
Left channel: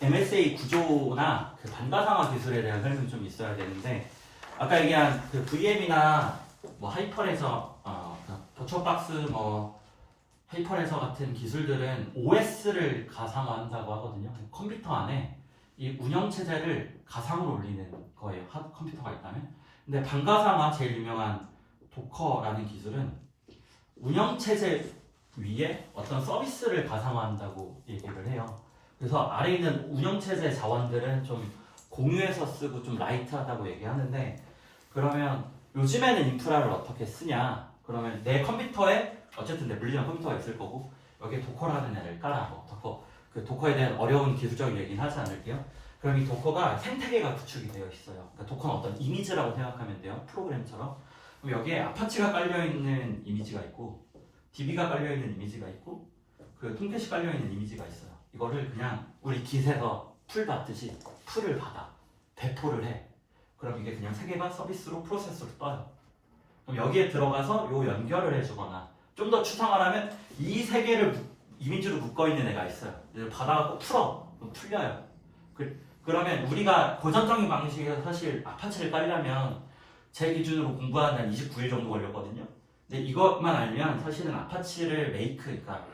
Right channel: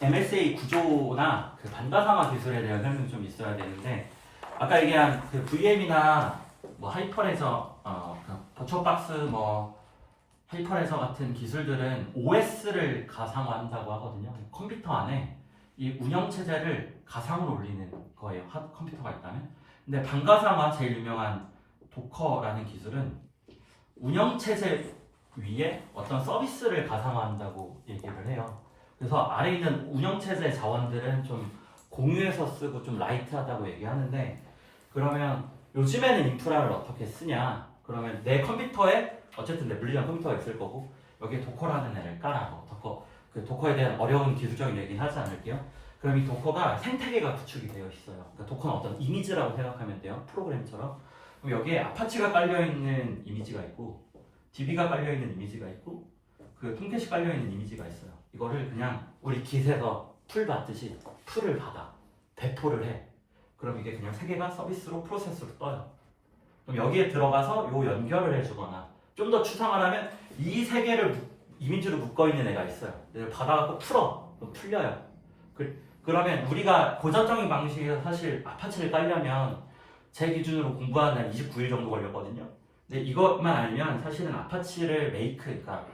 MSA 구조나 그 반가상화 기술에 대한 설명이 좀 있어야 되는데 아까 얘기한 그 VM이나 뭐 하이퍼레서, 그 도처박스, 뭐 하이퍼레서 같은 기술들은 OS를 가상화한다고 하거든요. 컴퓨터 안에 이 운영 체제를 가상으로 올리는 거예요. 컴퓨터가 있다면. 근데 반가상화 제일 유명한 도커라는 기술은 운영 체제 위에 어떤 서비스를 가상화한다고 얘기를 해요. 그래서 아래에 있는 운영 체제 자원들은 좀 공유해서 쓰고 좀 라이트하다고 얘기하는데 그러면 요즘에는 인프라를 어떻게 쓰냐? 그러면 내 컴퓨터에 어쨌든 내 물리적 컴퓨터가 있을 거고 여기에 도커라는 애를 깔아. 그 도커에 대한 어려운 기술적인 얘기는 하지 않을게요. 그럼 이 도커가 생태계가 구축이 되어 있어요. 그러니까 도커는 어떤 이미지라고 생각하면 돼요. 프로그램처럼. 그럼 여기에 아파치가 깔려 있는 이미지가 있고 DB가 깔려 있는 이미지가 있고 그 톰캣이 깔려 있는 이미지가 있어요. 이거를 그냥 우리 깃에서 풀 받듯이 풀을 받아 배포를 해. 그럼 이게 그냥 세 개가 서비스로 프로세스로 떠요. 그럼 여기에 들어가서 요 연결을 해주거나 좀 더 추상을 하면 이 세 개를 이미지로 묶어 있는 애가 있어요. 얘를 받아갖고 풀어. 그럼 풀려요. 그러면 우리가 고전적인 방식에서 사실 아파치를 깔려면 제 기준으로 공부하는 한 29일 정도 걸렸거든요. 근데 이것만 알면 사실은 아파치를 그러니까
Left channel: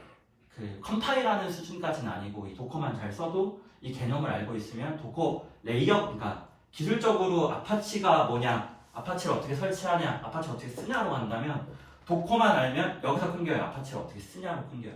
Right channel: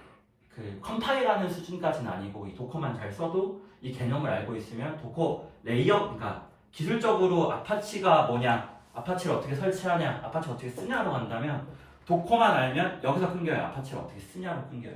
그 컴파일하는 수준까지는 아니고 이 도커만 잘 써도 이 개념을 알고 있으면 도커 레이어, 그러니까 기술적으로 아파치가 뭐냐, 아파치를 어떻게 설치하냐, 아파치를 어떻게 쓰냐로 간다면 도커만 알면 여기서 끊겨요. 아파치를 어떻게 쓰냐로 끊겨요.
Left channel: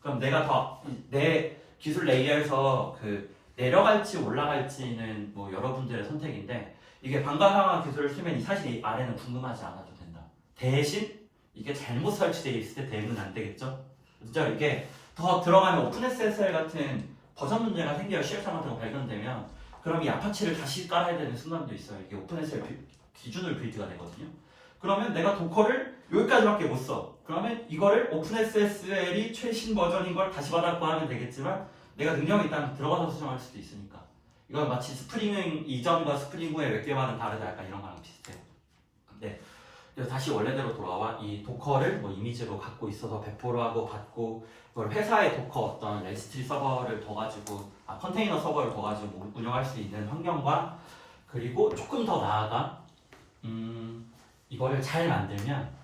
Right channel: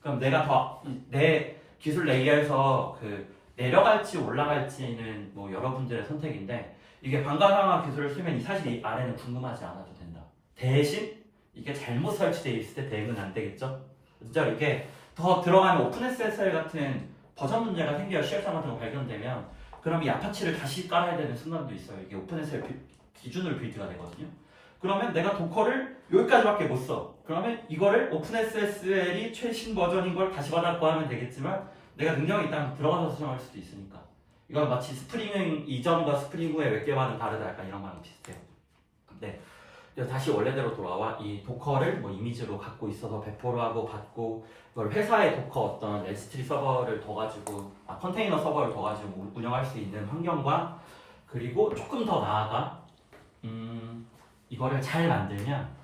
그럼 내가 더 내 기술 레이어에서 그 내려갈지 올라갈지는 뭐 여러분들의 선택인데 이게 반가상화 기술을 쓰면 사실 이 아래는 궁금하지 않아도 된다. 대신 이게 잘못 설치되어 있을 때 대응은 안 되겠죠? 진짜 이게 더 들어가면 오픈SSL 같은 버전 문제가 생겨요. CF3 같은 거 발견되면 그럼 이 아파치를 다시 깔아야 되는 순간도 있어요. 이게 오픈SSL 기준으로 빌드가 되거든요. 그러면 내가 도커를 여기까지밖에 못 써. 그러면 이거를 오픈SSL이 최신 버전인 걸 다시 받아고 하면 되겠지만 내가 능력이 있다면 들어가서 수정할 수도 있으니까 이건 마치 스프링 이전과 스프링 후의 웹 개발은 다르다 약간 이런 거랑 비슷해요. 네. 그래서 다시 원래대로 돌아와 이 도커를 뭐 이미지로 갖고 있어서 배포를 하고 받고 그걸 회사의 도커 어떤 S3 서버를 더 가지고 컨테이너 서버를 더 가지고 운영할 수 있는 환경과 그리고 조금 더 나아가 이거를 잘 만들면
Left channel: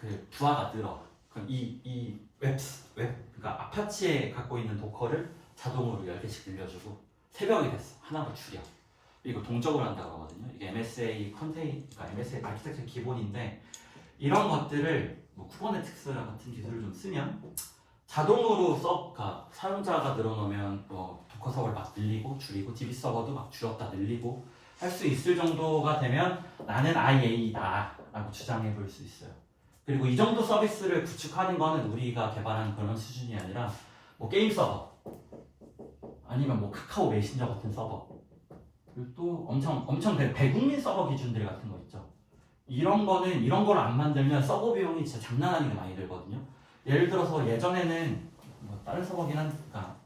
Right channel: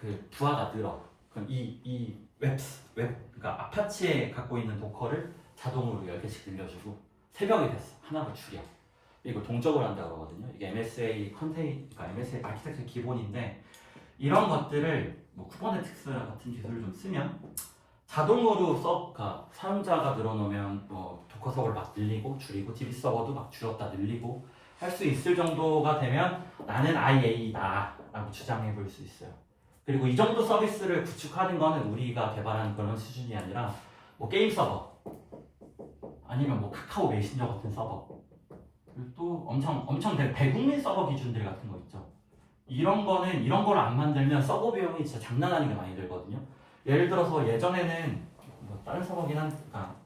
그 부하가 늘어. 그럼 이 그러니까 아파치에 갖고 있는 도커를 자동으로 10개씩 늘려주고 새벽이 됐어. 하나로 줄여. 이거 동적으로 한다고 하거든요. 이게 MSA 그러니까 MSA 아키텍처 기본인데 이런 것들을 뭐 쿠버네티스 같은 기술을 좀 쓰면 자동으로 그러니까 사용자가 늘어나면 뭐 도커 서버를 막 늘리고 줄이고 DB 서버도 막 줄였다 늘리고 할 수 있을 정도가 되면 나는 IA다 라고 주장해 볼 수 있어요. 그리고 이 정도 서비스를 구축하는 거는 우리가 개발하는 그런 수준이 아니라 뭐 게임 서버 아니면 뭐 카카오 메신저 같은 서버 그리고 또 엄청 대국민 서버 기준들 같은 거 있죠. 이런 거를 안 만들면 서버 비용이 진짜 장난 아니게 많이 들거든요. 예를 들어서 예전에는 뭐 다른 서버긴 그러니까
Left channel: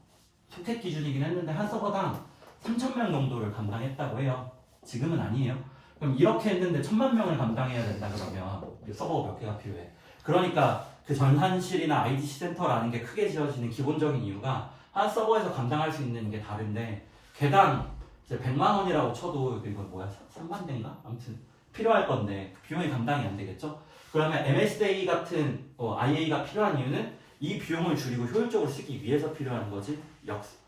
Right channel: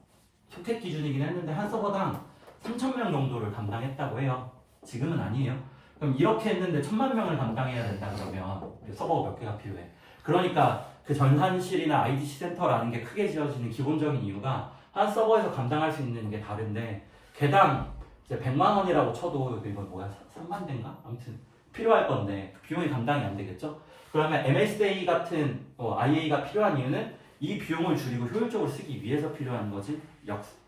소켓 기준이긴 했는데 한 서버당 3,000명 정도를 감당했다고 해요. 지금은 아니에요. 그럼 이렇게 했는데 1,000만 명을 감당해야 된다 그러면 서버가 몇 개가 필요해. 그러니까 그 전산실이나 IDC 센터라는 게 크게 지어지는 기본적인 이유가 한 서버에서 감당할 수 있는 게 다른데 개당 이제 100만 원이라고 쳐도 이건 뭐야? 3만 대인가? 아무튼 필요할 건데 비용이 감당이 안 되겠죠? 그러면 MSA 같은 IA가 필요한 이유는 이 비용을 줄이고 효율적으로 쓰기 위해서 필요한 거지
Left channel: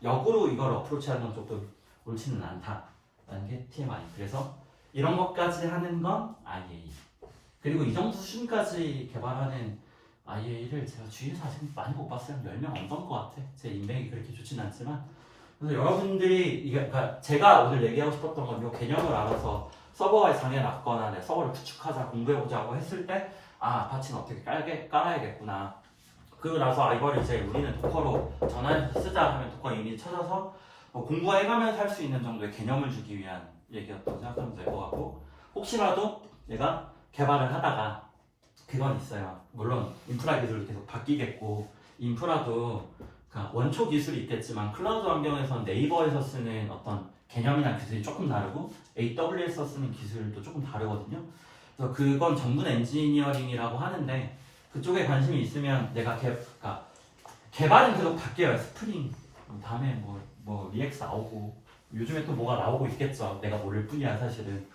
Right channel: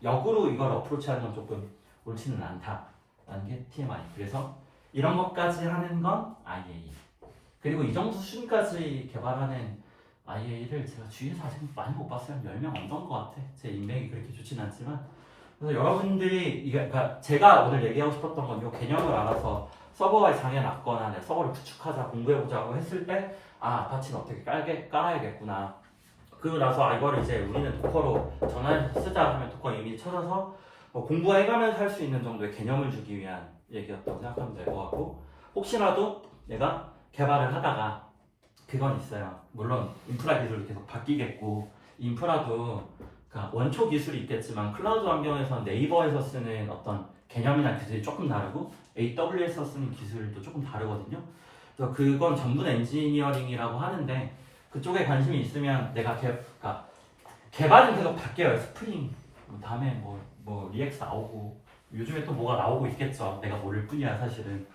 역으로 이걸 어프로치하는 건 조금 옳지는 않다라는 게 TMI. 그래서 이런 것까지 하는 건 IA. 그리고 이 정도 수준까지 개발하는 IA를 제가 주위에서 아직 많이 못 봤어요. 10명 안 본 것 같아. 제 인맥이 그렇게 좋진 않지만 그래서 여러분들이 그러니까 제가 오늘 얘기하고 싶었던 건 이 개념을 알아서 서버에 장애 났거나 내 서버를 구축하자 공부해보자고 했을 때 아파치는 어떻게 깔아야겠구나. 그리고 나서 이거를 이제 우리는 도커로 전환해서 쓰자 하면 도커 이미지 찾아서 공부해가면서 할 수 있는 정도의 개념을 주기 위한 얘기였다고 생각하면 될 것 같고 혹시라도 내가 개발을 하다가 그건 있어요. 물론 인프라 기술도 계속 바뀌겠고 인프라도 그러니까 원초 기술이 있겠지만 클라우드 환경에서 네이버에서 쓰는 어떤 개념이나 기술이 조금 다르고 AWS에서 쓰는 기술도 조금 다르거든요. 그래서 그건 전문 엔지니어링이라고 하는데 그쪽에 관심이 있으면 내가 그러니까 개발은 계속 바뀌어요. 스프링 다음에 뭐 리액스 나오고 요즘에 또 뭐가 나오고 있겠죠. 내가 모를 뿐이야 사실은.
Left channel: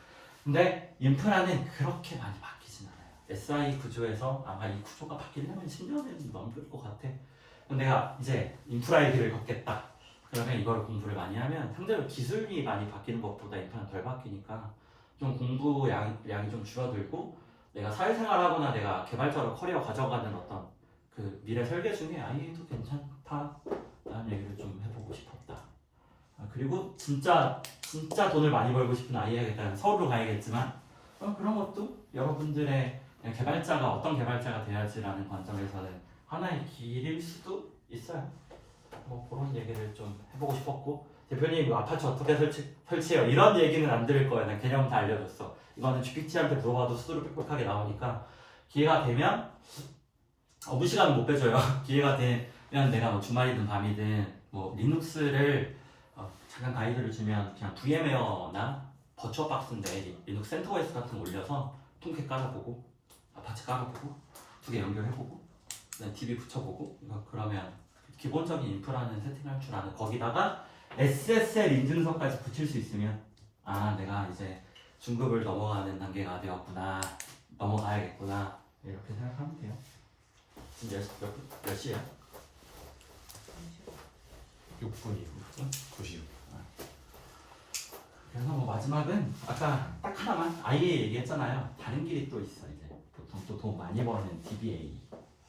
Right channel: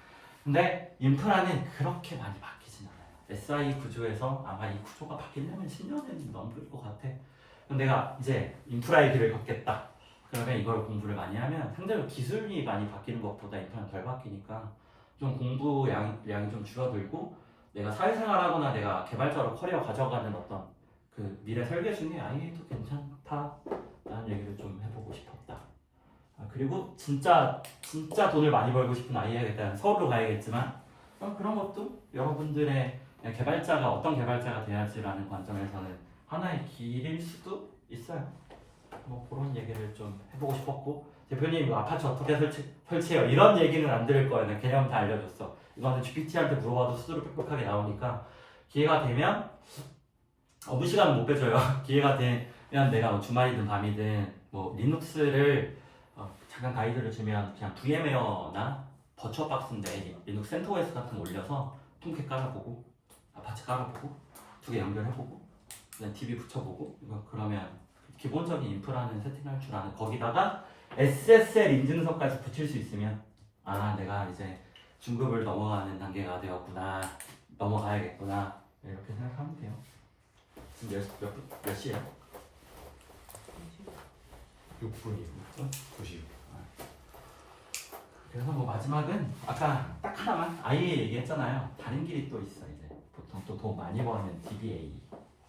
근데 인프라는 그렇게 많이 바뀌진 않아요. SI 구조에서 아마 이 구조가 바뀌려면 10년은 넘을 것 같아. 그럼 내가 이제 인프라의 길을 걷겠다. 그러면 이걸 공부를 많이 하면 상대적으로 기술이 많이 바뀌는 것보다 인프라는 덜 바뀌니까 좀 공부량이 좀 줄어들고 내가 사회생활하거나 내가 개발자로 커리어 가져가는 어떤 그 미래 설계 중에 아이도 괜찮다라는 얘기를 좀 해보고 싶었다. 그리고 진짜 돈을 많이 벌고 싶은 아이에게 일단 서울로 가야겠지만 그런 것도 여러분들의 개발자가 어떤 개발자가 돼야지라는 관점에서는 하나의 길일 수도 있어요. 뭐 그런 얘기를 좀 해보고 싶었고 대표님 이거 아파트 어떻게 설치해요? 이런 얘기는 안 들을 거예요. 난 개념 다 알려줬어. 이거는 GPT한테 물어봐도 스스로 빽빽하게 나오니까 기회가 되면 무시간은 못 빼줘요. 기회가 되면 내가 뭐 주말이든 밤이든 뭐 리눅스를 잠깐 가이드를 주면 그냥 VM웨어나 버추어박스인데 리눅스 센터OS 같은 거 올려서 통캣 깔아보고 아파치 깔아보고 두 개 연결해보고 그다음에 DB 붙여보고 그러면 기본적인 인프라는 세팅할 줄 아는 거기다가 SSL 인증서까지 붙일 수 있으면 아 내가 이제 중급을 넘어가는 단계가 되었구나 넘어가야겠구나 이렇게 생각하면 돼요. 지금 몇 시에요? 6분이요. 90. 그래서 뭐 마지막은 아까 딱 하나만 아예 얘기했잖아요. 다른 길이 또 있어 이제 보통 또 돈 많이 버는 DBA.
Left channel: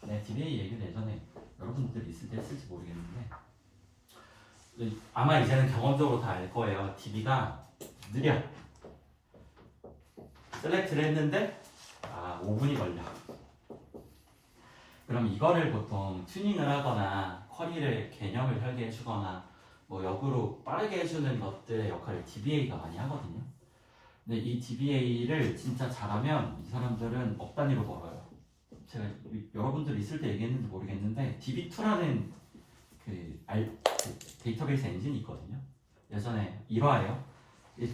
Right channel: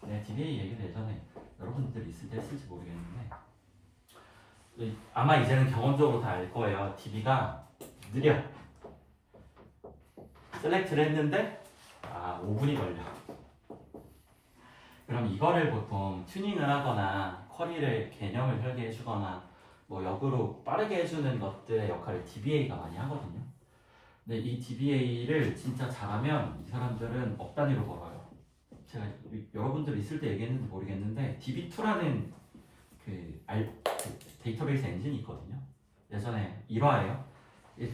네, DBA 얘기를 예전에 여러분들 있을 때 했을지 모르겠는데 아마 이제는 경험적으로 다 알 거예요. DB가 느려. 셀렉트를 했는데 5분이 걸려. 그럼 이거를 보통 튜닝을 하거나 쿼리를 개념을 설계해 주거나 뭐 역으로 빠르게 해주는 것들의 역할을 DBA가 많이 하거든요. 근데 이 DBA를 진짜 잘하면 이 사람들은 억 단위로 벌어요. 제가 여러분들 있을 때 얘기했는지 모르겠는데 DB2라는 그 데이터베이스 엔진이 있거든요. 예전에 1화예요.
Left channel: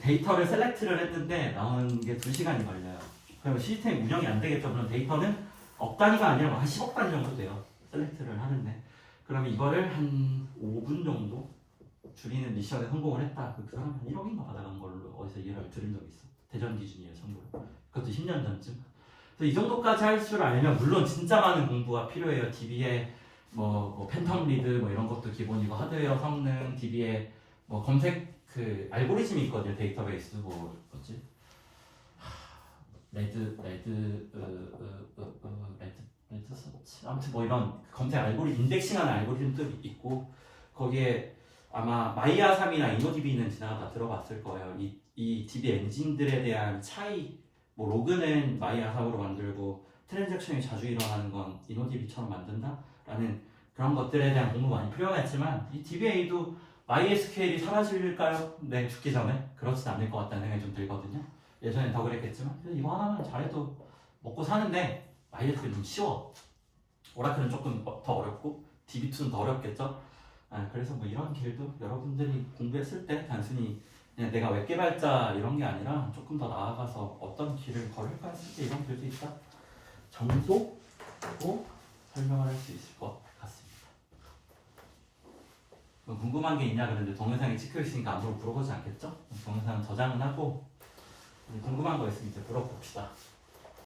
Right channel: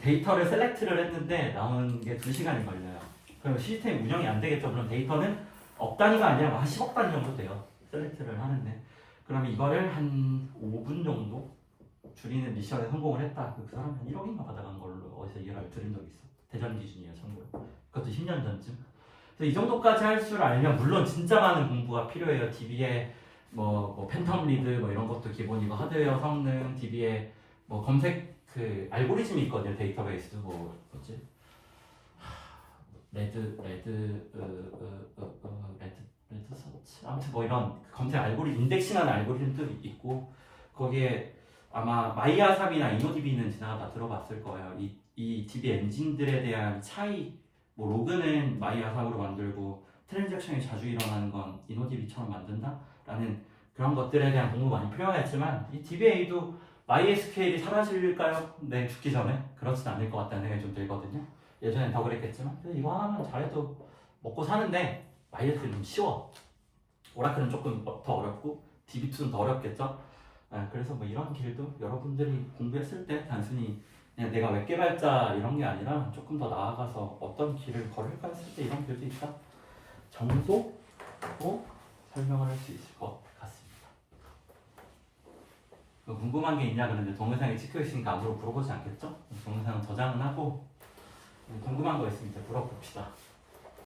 데이터를 셀렉트를 했는데 나오는 게 2시간이 걸려요. 그러면 시스템 운영이 안 되겠죠. 그럼 데이터는 억 단위가 아니라 한 10억 단위 정도 돼요. 셀렉트를 하는데. 그러면 이거를 한 5분 정도 줄이는 미션에 성공을 했다. 그 사람 한 1억인가 받아간 걸로 어디서 일화를 들은 적이 있어. 대전 기준이에요, 참고로. 그것도 10년 전쯤. 그래서 이 정도까지 할 줄 알면 물론 진짜 많은 공부가 필요해요. DB에 뭐 팬텀 리드 뭐 이런 것도 기본이고 하드웨어 성능, DB에 뭐 검색 그 알고리즘이 있거든요. 데이터베이스 뭐지? 레드 서치 아무튼 뭐 이런 검색 알고리즘 인덱싱하는 알고리즘도 있고 거기에 아마 마이아3이나 이노DB는 지나가다 들어봤을 거예요. 이 DB 엔진들에 대한 차이 뭐 로그는 마이아3으로 만들고 트랜잭션이 자주 일어나는 건 이노DB처럼 만든다라는 그런 것들에 대한 공부 많이 필요하겠지만 이 DBA도 MySQL이 사라질까요? 네, 죽기 전에 그렇진 않을 것 같다는 생각이 좀 들거든요. 예전엔 더 그랬겠지만 이거 하나만 잘해도 먹고 사는데 MySQL은 좀 쉬워. 오라클은 조금 더 어렵고 DB2는 더 어렵겠죠. 그래서 뭐 이런 길도 여러분들이 공부했을 때 단순히 그냥 내가 웹 개발자 이런 게 아니라 조금 더 나아가서 어떤 길을 걸을까 했을 때 이런 길도 있다 정도로 설명을 할 수 있을 것 같습니다. 뭐 궁금한 게 있냐 그랬는데 동영상이 찍혀 있으니까 아무로 물어보지 않겠죠? 동영상 저장은 하고 궁금한 거 있으면 이제 물어봅시다.